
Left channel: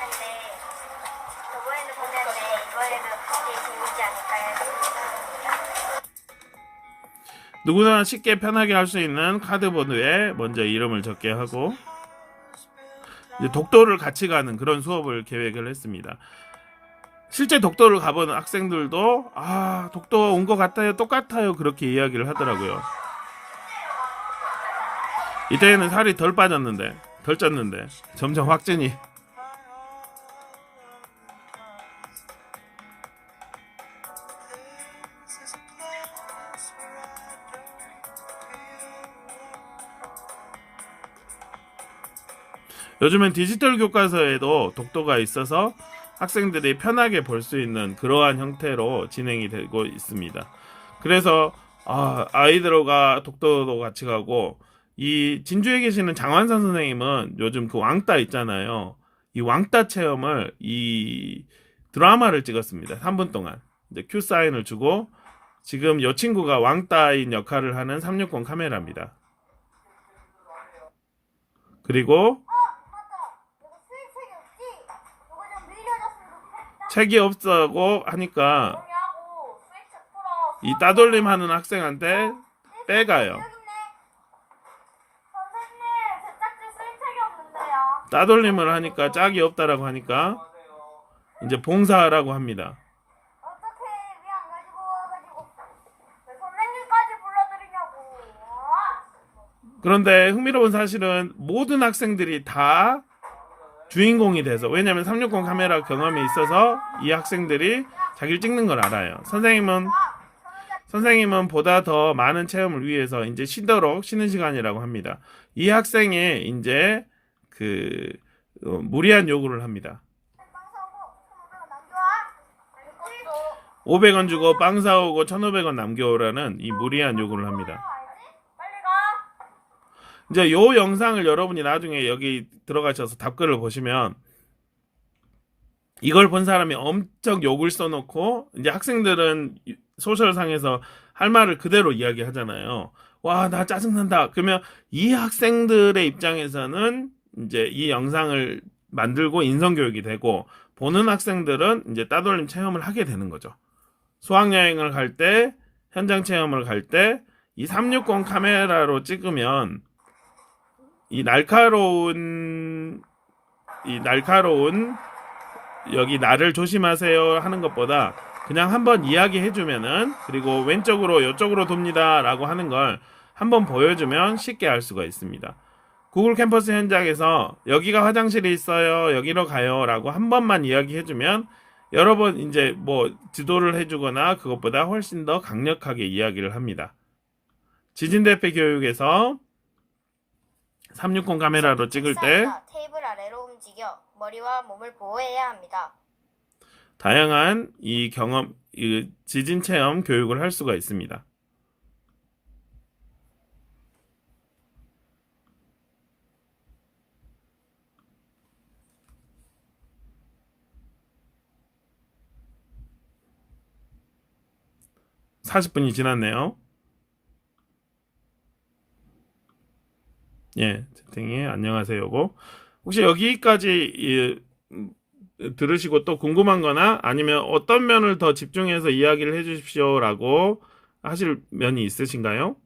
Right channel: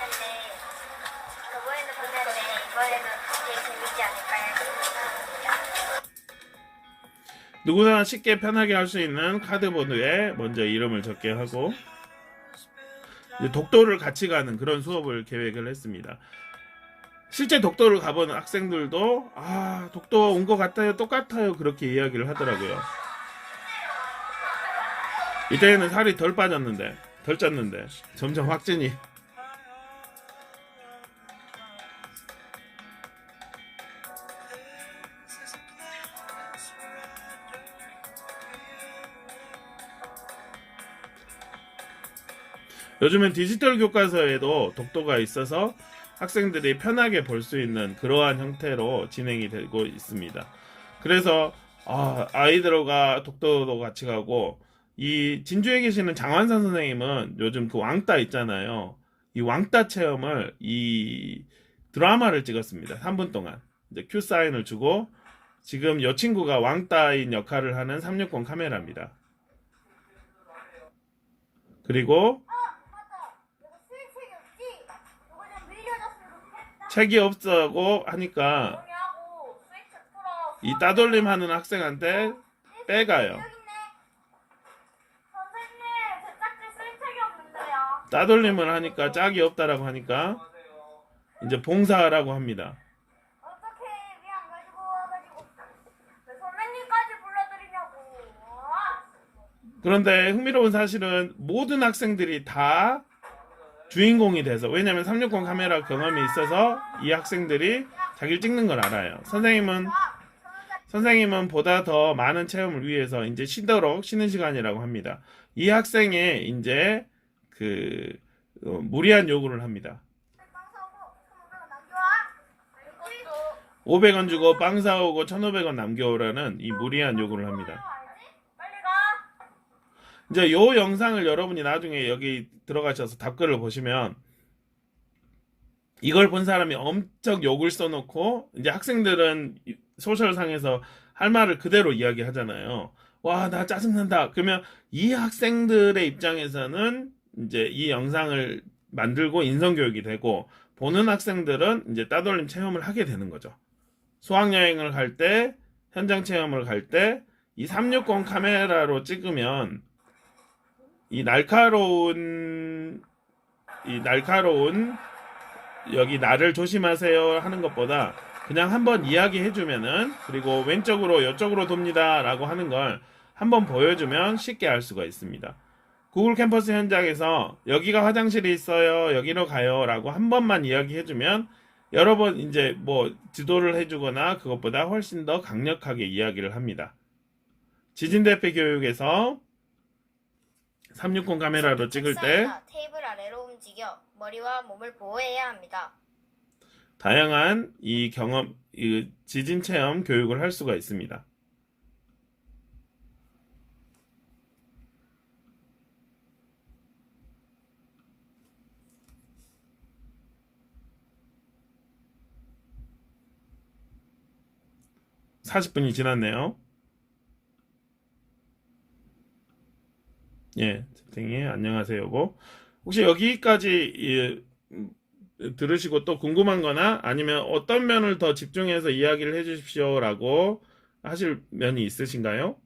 봤는데 이번에도 되게 재밌지 않을까요? 누구나 쉽게 편하게 할 수 있는 카드보드에 먼저 이름을 적게 하고 이제 독도를 같이 가는 그런 수업을 계획을 했습니다. 실제 독도를 가본 학생들도 독도 온 것 같아요, 똑같아요 그렇게 이야기를 하더라고요. 이때는 살이 덜 쪘는데 점점 확진이 요즘엔 디지털 교과서에도 독도가 있어서 학생들이 편하게 볼 수 있는 그러한 형태로 진행이 되고 있습니다. 그래서 아이들과 독도도 같이 가고 이 진주에 계시는 장완산 선생님은 요즘 그 왕따 있잖아요. 이 왕따 체험을 이 드라마를 찍었습니다. 3분 동안 이제 큐 사인을 주고 지금 이 친구가 왕따인 역할을 하는 360 카메라입니다. 그리고 책이 없다고 하니까 이 따돌림 하는 학생한테 빼가요. 선생님, 제 짝지 쓸 책이 없는데요. 따돌림을 하니까 짝이 없다라고 하니까 이제 봉사하라고 합니다. 어떻게 왜 안 가지고 와가지고 왜 선생님까지 불러드리냐고. 그런데 흥미로운 사실은 모든 학생들이 다 주인공이 돼서 왜냐면 360 카메라 경험이 있어서 이 학생들이 자기를 찍는 걸 알아요. 선생님은 보다 더 많은 체험을 위해서 이제 쉬는 시간이라고 합니다. 이 학생이 이제 그 무리한 요구를 합니다. 이것도 500원 주고 빵 사오고 1,500원 남겨오라는 이 무리한 요구를 합니다. 빨리 가. 이제 요 영상을 여러분이 나중에 여기 들어가셔서 답글을 보시면 이걸 본 사람이 엄청 욕을 써놓고 이제 학생들은 소셜상에서 할 말을 그대로 이야기하잖아요. 와, 나 짜증난다. 그러면 이 학생들의 입장에서는 이제 이 영상을 만들고 인성교육이 되고 보는 학생들은 이제 따돌림 체험을 하게 되는 거죠. 수학여행을 갈 때, 현장 체험을 갈 때 이 360 카메라로 찍으면 이 날카로운 여기 나를 조심하세요 하는 것보다 그냥 한번 이야기해주면은 그리고 왼쪽으로 이쪽으로 돕니다 라고 하는 걸 한번 보여주면 쉽게 알 수가 있습니다. 구글 캠퍼스 현장에서 여기가 화장실이 있어요 여기로 가요 라고 한 번만 이야기해주면 여러 번 이제 뭐 지도를 해주거나 그것보다 훨씬 더 강력하게 이야기를 합니다. 지진대피 교육에서 360 카메라로 찍을 때 책상이나 테이블 아래로 움직여 머리와 몸을 보호해야 합니다. 다양한 이 지진 체험 교육을 할 수가 있습니다. (40분이) 지났네요. 예, 채팅에 안녕하세요. 여보. 혹시 여기까지 들으시고 또 궁금한 거나 아니면 어떤 면을 더 집중해서 이야기를 해 주십시오 라고 하실 면이 있으신가요?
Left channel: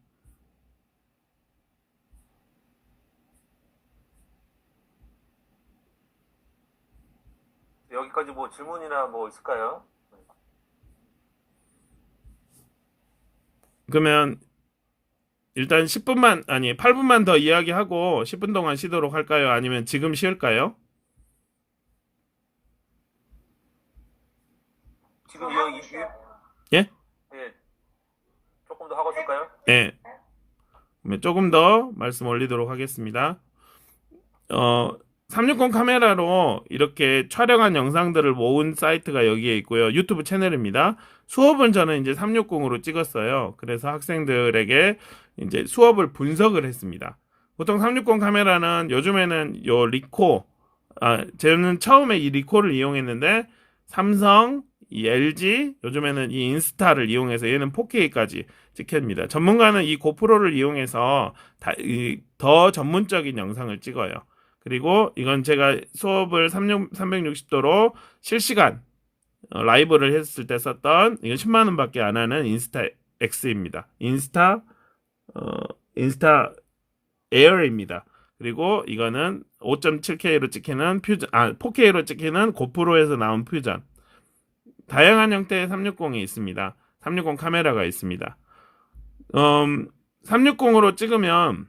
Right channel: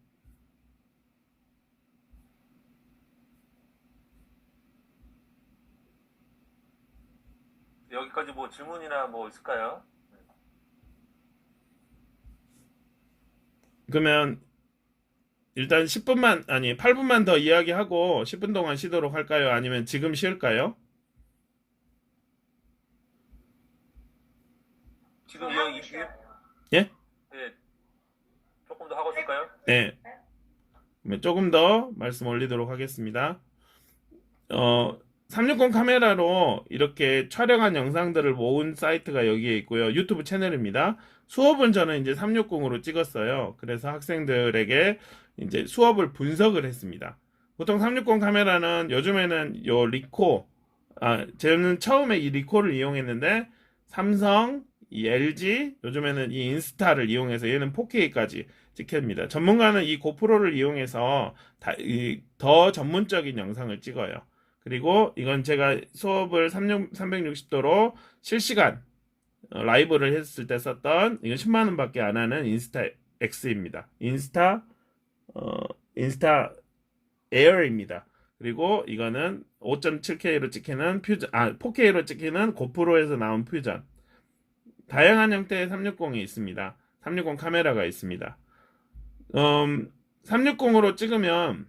여기까지 뭐 질문이나 뭐 있을까요? 그러면 일단 8분만 더 이야기하고 10분 동안 쉬도록 할까요? 아니면 지금 쉴까요? 지금 예? 예, 조금 더 하고 싶을까요? 네. 그러면 조금 더 말씀 올리도록 하겠습니다. 360 카메라로 이렇게 촬영한 영상들을 모은 사이트가 여기에 있고요. 유튜브 채널입니다. 수업은 저는 이제 360으로 찍었어요. 그래서 학생들에게 이제 수업을 분석을 했습니다. 보통 360 카메라는 요즘에는 요 저는 처음에 이 리코를 이용했는데 삼성, 이 LG, 요즘에는 이 인스타를 이용해서 얘는 4K까지 찍힙니다. 전문가는 이 고프로를 이용해서 더 전문적인 영상을 찍어요. 그리고 이건 제가 수업을 360도로 실시간 라이브를 했을 때 썼던 이건 10만 원밖에 안 하는 인스타 X입니다. 인스타 에어입니다. 그리고 이거는 5.7K로 찍히는 4K로 찍히는 고프로에서 나온 퓨전. 다양한 형태의 360이 있습니다. 360 카메라가 있습니다. 360으로 찍으면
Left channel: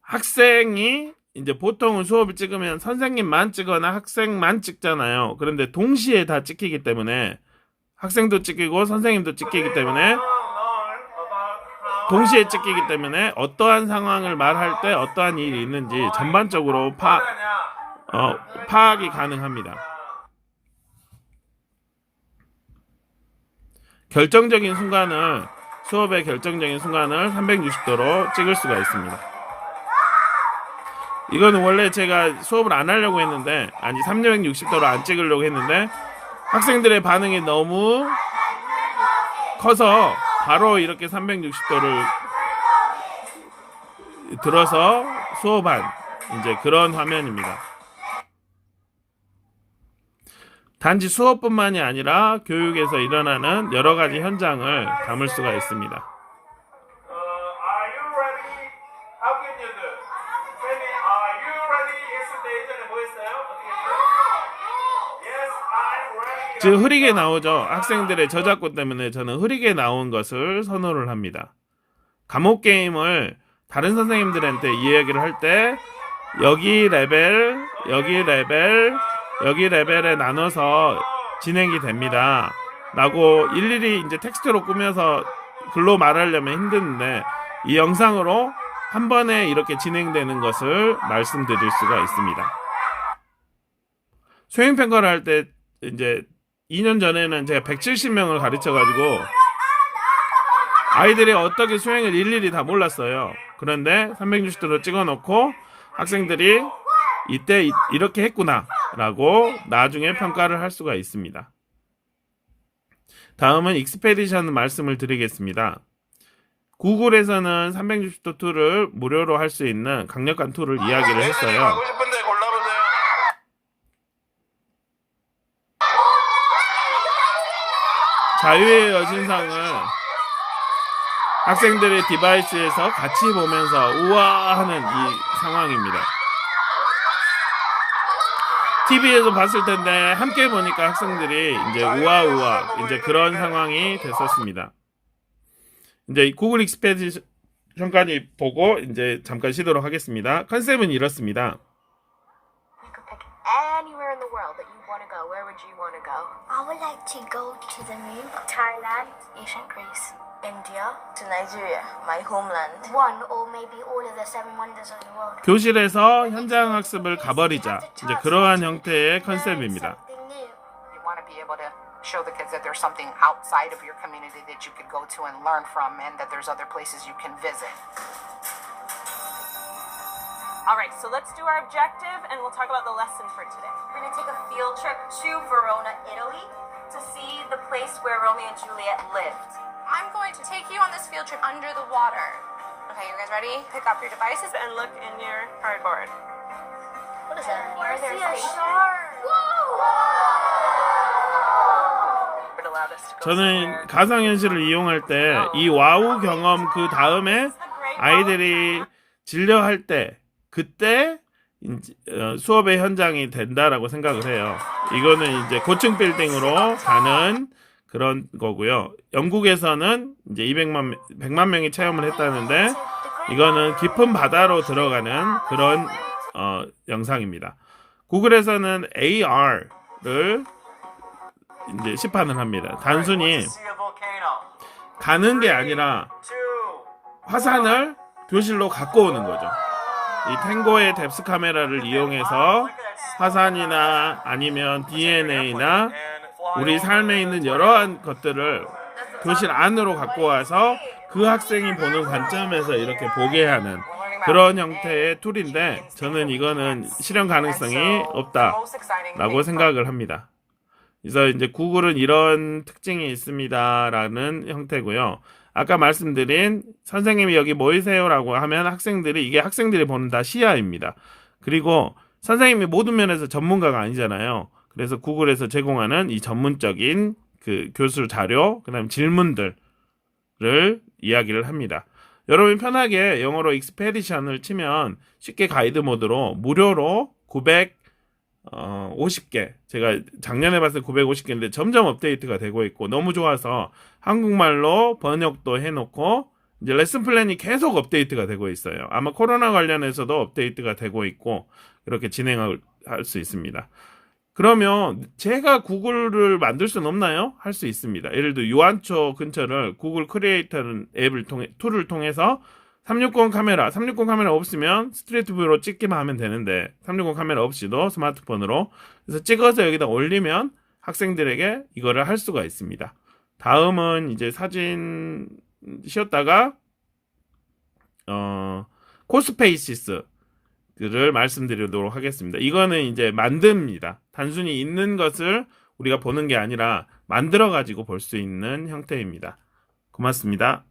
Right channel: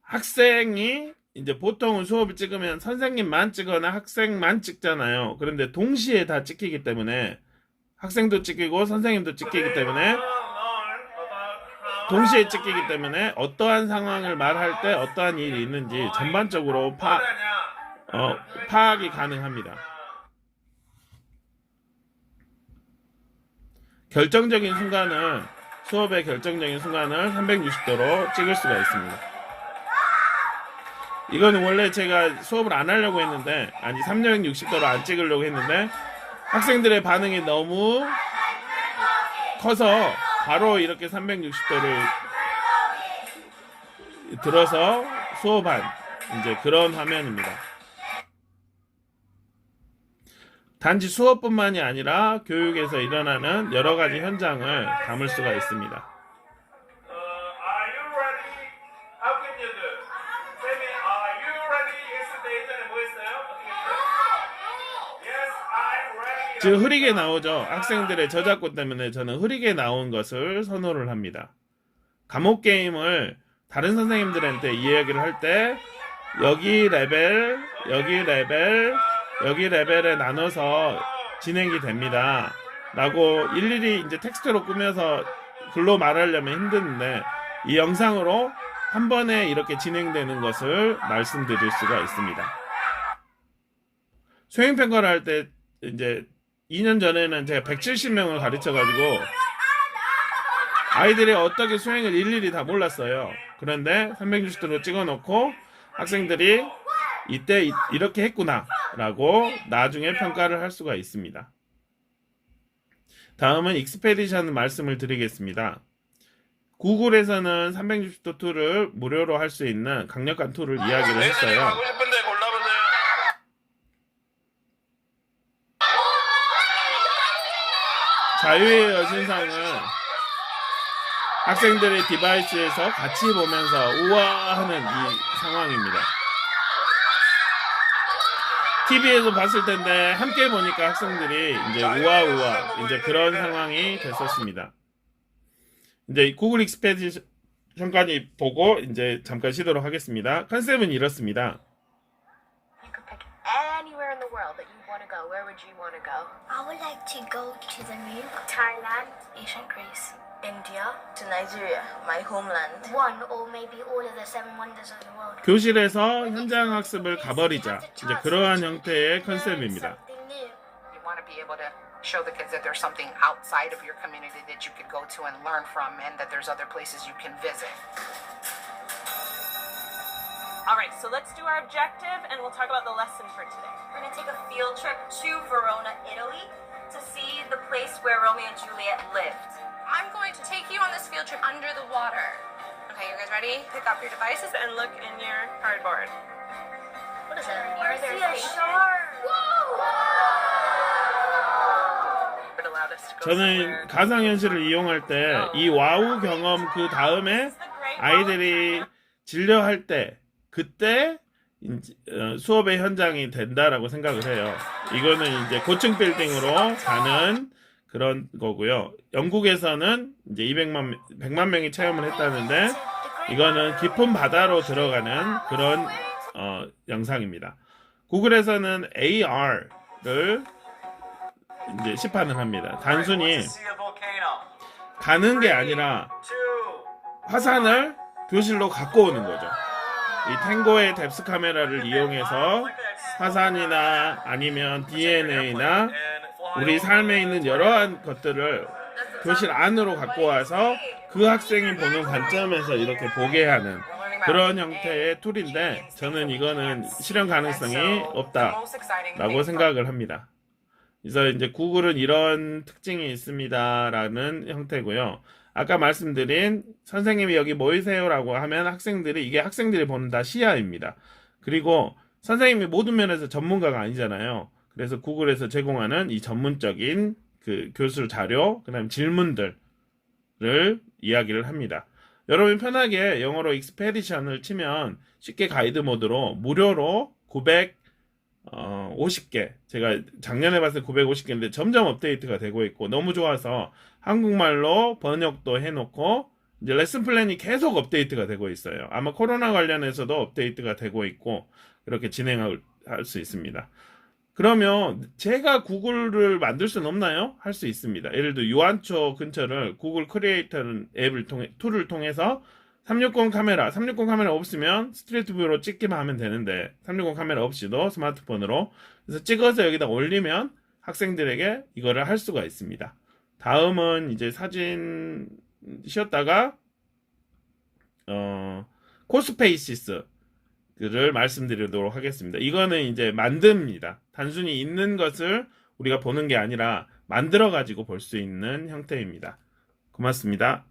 학생이 이제 보통은 수업을 찍으면 선생님만 찍거나 학생만 찍잖아요. 그런데 동시에 다 찍히기 때문에 학생도 찍히고 선생님도 찍히기 때문에 동시에 찍히기 때문에 어떠한 상황을 말할 때 어떠한 일이 있는지 전반적으로 파악이 가능합니다. 수업의 결정적인 순간을 360도로 찍을 수가 있습니다. 이거는 원래 제가 수업을 안 하려고 했는데 360도로 안 찍으려고 했는데 학생들의 반응이 너무 커서 바로 이렇게 360도를 들어서 수업한 이제 그런 화면입니다. 단지 수업뿐만이 아니라 교육에서 일어나는 여러 가지 현장을 담을 수가 있습니다. Are you ready? How can you do? Sammy, are you ready? 했을 때 예전에 뭐 했어요? 어떻게 했어요? Yes, I'm ready. 즉 흐리게 나오죠. 학생들의 저작권 때문에 저는 흐리게 나온 것을 선호를 합니다. 과목 게임을 다른 선생님들한테 이야기를 할 때 여기 레벨, 여기 레벨에 나눠서 진행이 됩니다. 라고 일일이 이제 텍스트로 꾸며서 글로 말하려면 힘드는데 이 영상으로 한 번에 이렇게 진행되는 것을 말씀드릴 수가 있습니다. 수행평가를 할 때 이제 2년 전에는 제가 170명을 가르쳐가지고 아이들이 어떻게 수행을 일일이 다 몰랐어요. 그런데 360도로 찍어놓고 학생들이 이때 이렇게 했구나 라고 나중에 평가를 할 수가 있습니다. 다음은 익스페디션 말씀을 드리겠습니다. 구글에서는 360도 툴을 무료로 할 수 있는 강력한 툴을 이야기를 했어요. 하고 싶은데 골라보세요. 자유의 여신상을 학생들의 디바이스에서 같이 보면서 우와 하는 이 상황입니다. TV에서 봤을 텐데 함께 보니까 학생들이 이제 우와 이제 그런 상황이 됐었습니다. 이제 구글 익스페디션까지 보고 이제 잠깐 쉬도록 하겠습니다. 컨셉은 이렇습니다. You could pick anywhere in the world that you want to go. Where would you want to go? I would like to go to the moon. Thailand, ancient Greece, India, to Nigeria, my homeland. One or maybe all of the 7 wonders of the world. 교실에서 현장 학습을 가버리자. 이제 그러한 형태의 컨셉입니다. Something new. You want to be able to show the kids that there's something outside of your community that you could go to and learn from, and that there's other places you can visit. All right, so let's do our objective and we'll talk about the lesson for today. We're going to take a field trip to Verona, Italy to see the place where Romeo and Juliet lived. I'm going to take you on this field trip under the water. Okay, you guys ready? Pick up your devices. And look in your cardboard. What is that? Are there See a spaces? shark. It allowed us to go 저는 somewhere. 가상현실을 이용할 때 이 와우 경험 그 다음에 아이들이 진료할 때 그때 수업의 현장이 된다라고 생각을 해요. 이거는 이제 고층 빌딩으로 가는 그런 거고요. 영국에서는 이제 100만 명이 체험을 했다는데 이거는 깊은 바다로 들어가는 그런 영상입니다. 구글에서는 AR를 이제 시판을 합니다. 단순히 See a volcano. 가는 게 아니라 2, 화산을 교실로 갖고 오는 거죠. 이 탱고의 뎁스 카메라를 이용해서 화산이나 아니면 DNA나 우리 삶에 있는 여러한 것들을 교실 안으로 갖고 와서 그 학생이 보는 관점에서 이렇게 보게 하는 그런 형태의 툴인데 저는 이거는 실현 가능성이 없다라고 생각을 합니다. 그래서 이제 구글은 이런 특징이 있습니다라는 형태고요. 아까 말씀드린 선생님이 여기 모이세요라고 하면 이게 학생들이 보는 다 시야입니다. 그리고 선생님이 모든 면에서 전문가가 아니잖아요. 그래서 구글에서 제공하는 이 전문적인 그 교수 자료, 그다음 질문들을 이야기를 합니다. 여러분 편하게 영어로 익스페디션을 치면 쉽게 가이드 모드로 무료로 950개, 제가 작년에 봤을 때 950개인데 점점 업데이트가 되고 있고 너무 좋아서 한국말로 번역도 해놓고 이제 레슨 플랜이 계속 업데이트가 되고 있어요. 아마 코로나 관련해서도 업데이트가 되고 있고 이렇게 진행할 수 있습니다. 그러면 제가 구글을 만들 수는 없나요? 할 수 있습니다. 예를 들어 유한초 근처를 구글 크리에이터 툴을 통해서 360 카메라 없으면 스트리트 뷰로 찍기만 하면 되는데 360 카메라 없이도 스마트폰으로 그래서 찍어서 여기다 올리면 학생들에게 이거를 할 수가 있습니다. 다음은 이제 사진 쉬었다가 코스페이시스를 말씀드리도록 하겠습니다. 이거는 이제 만듭니다. 단순히 있는 것을 우리가 보는 게 아니라 만들어 가지고 볼 수 있는 형태입니다. 고맙습니다.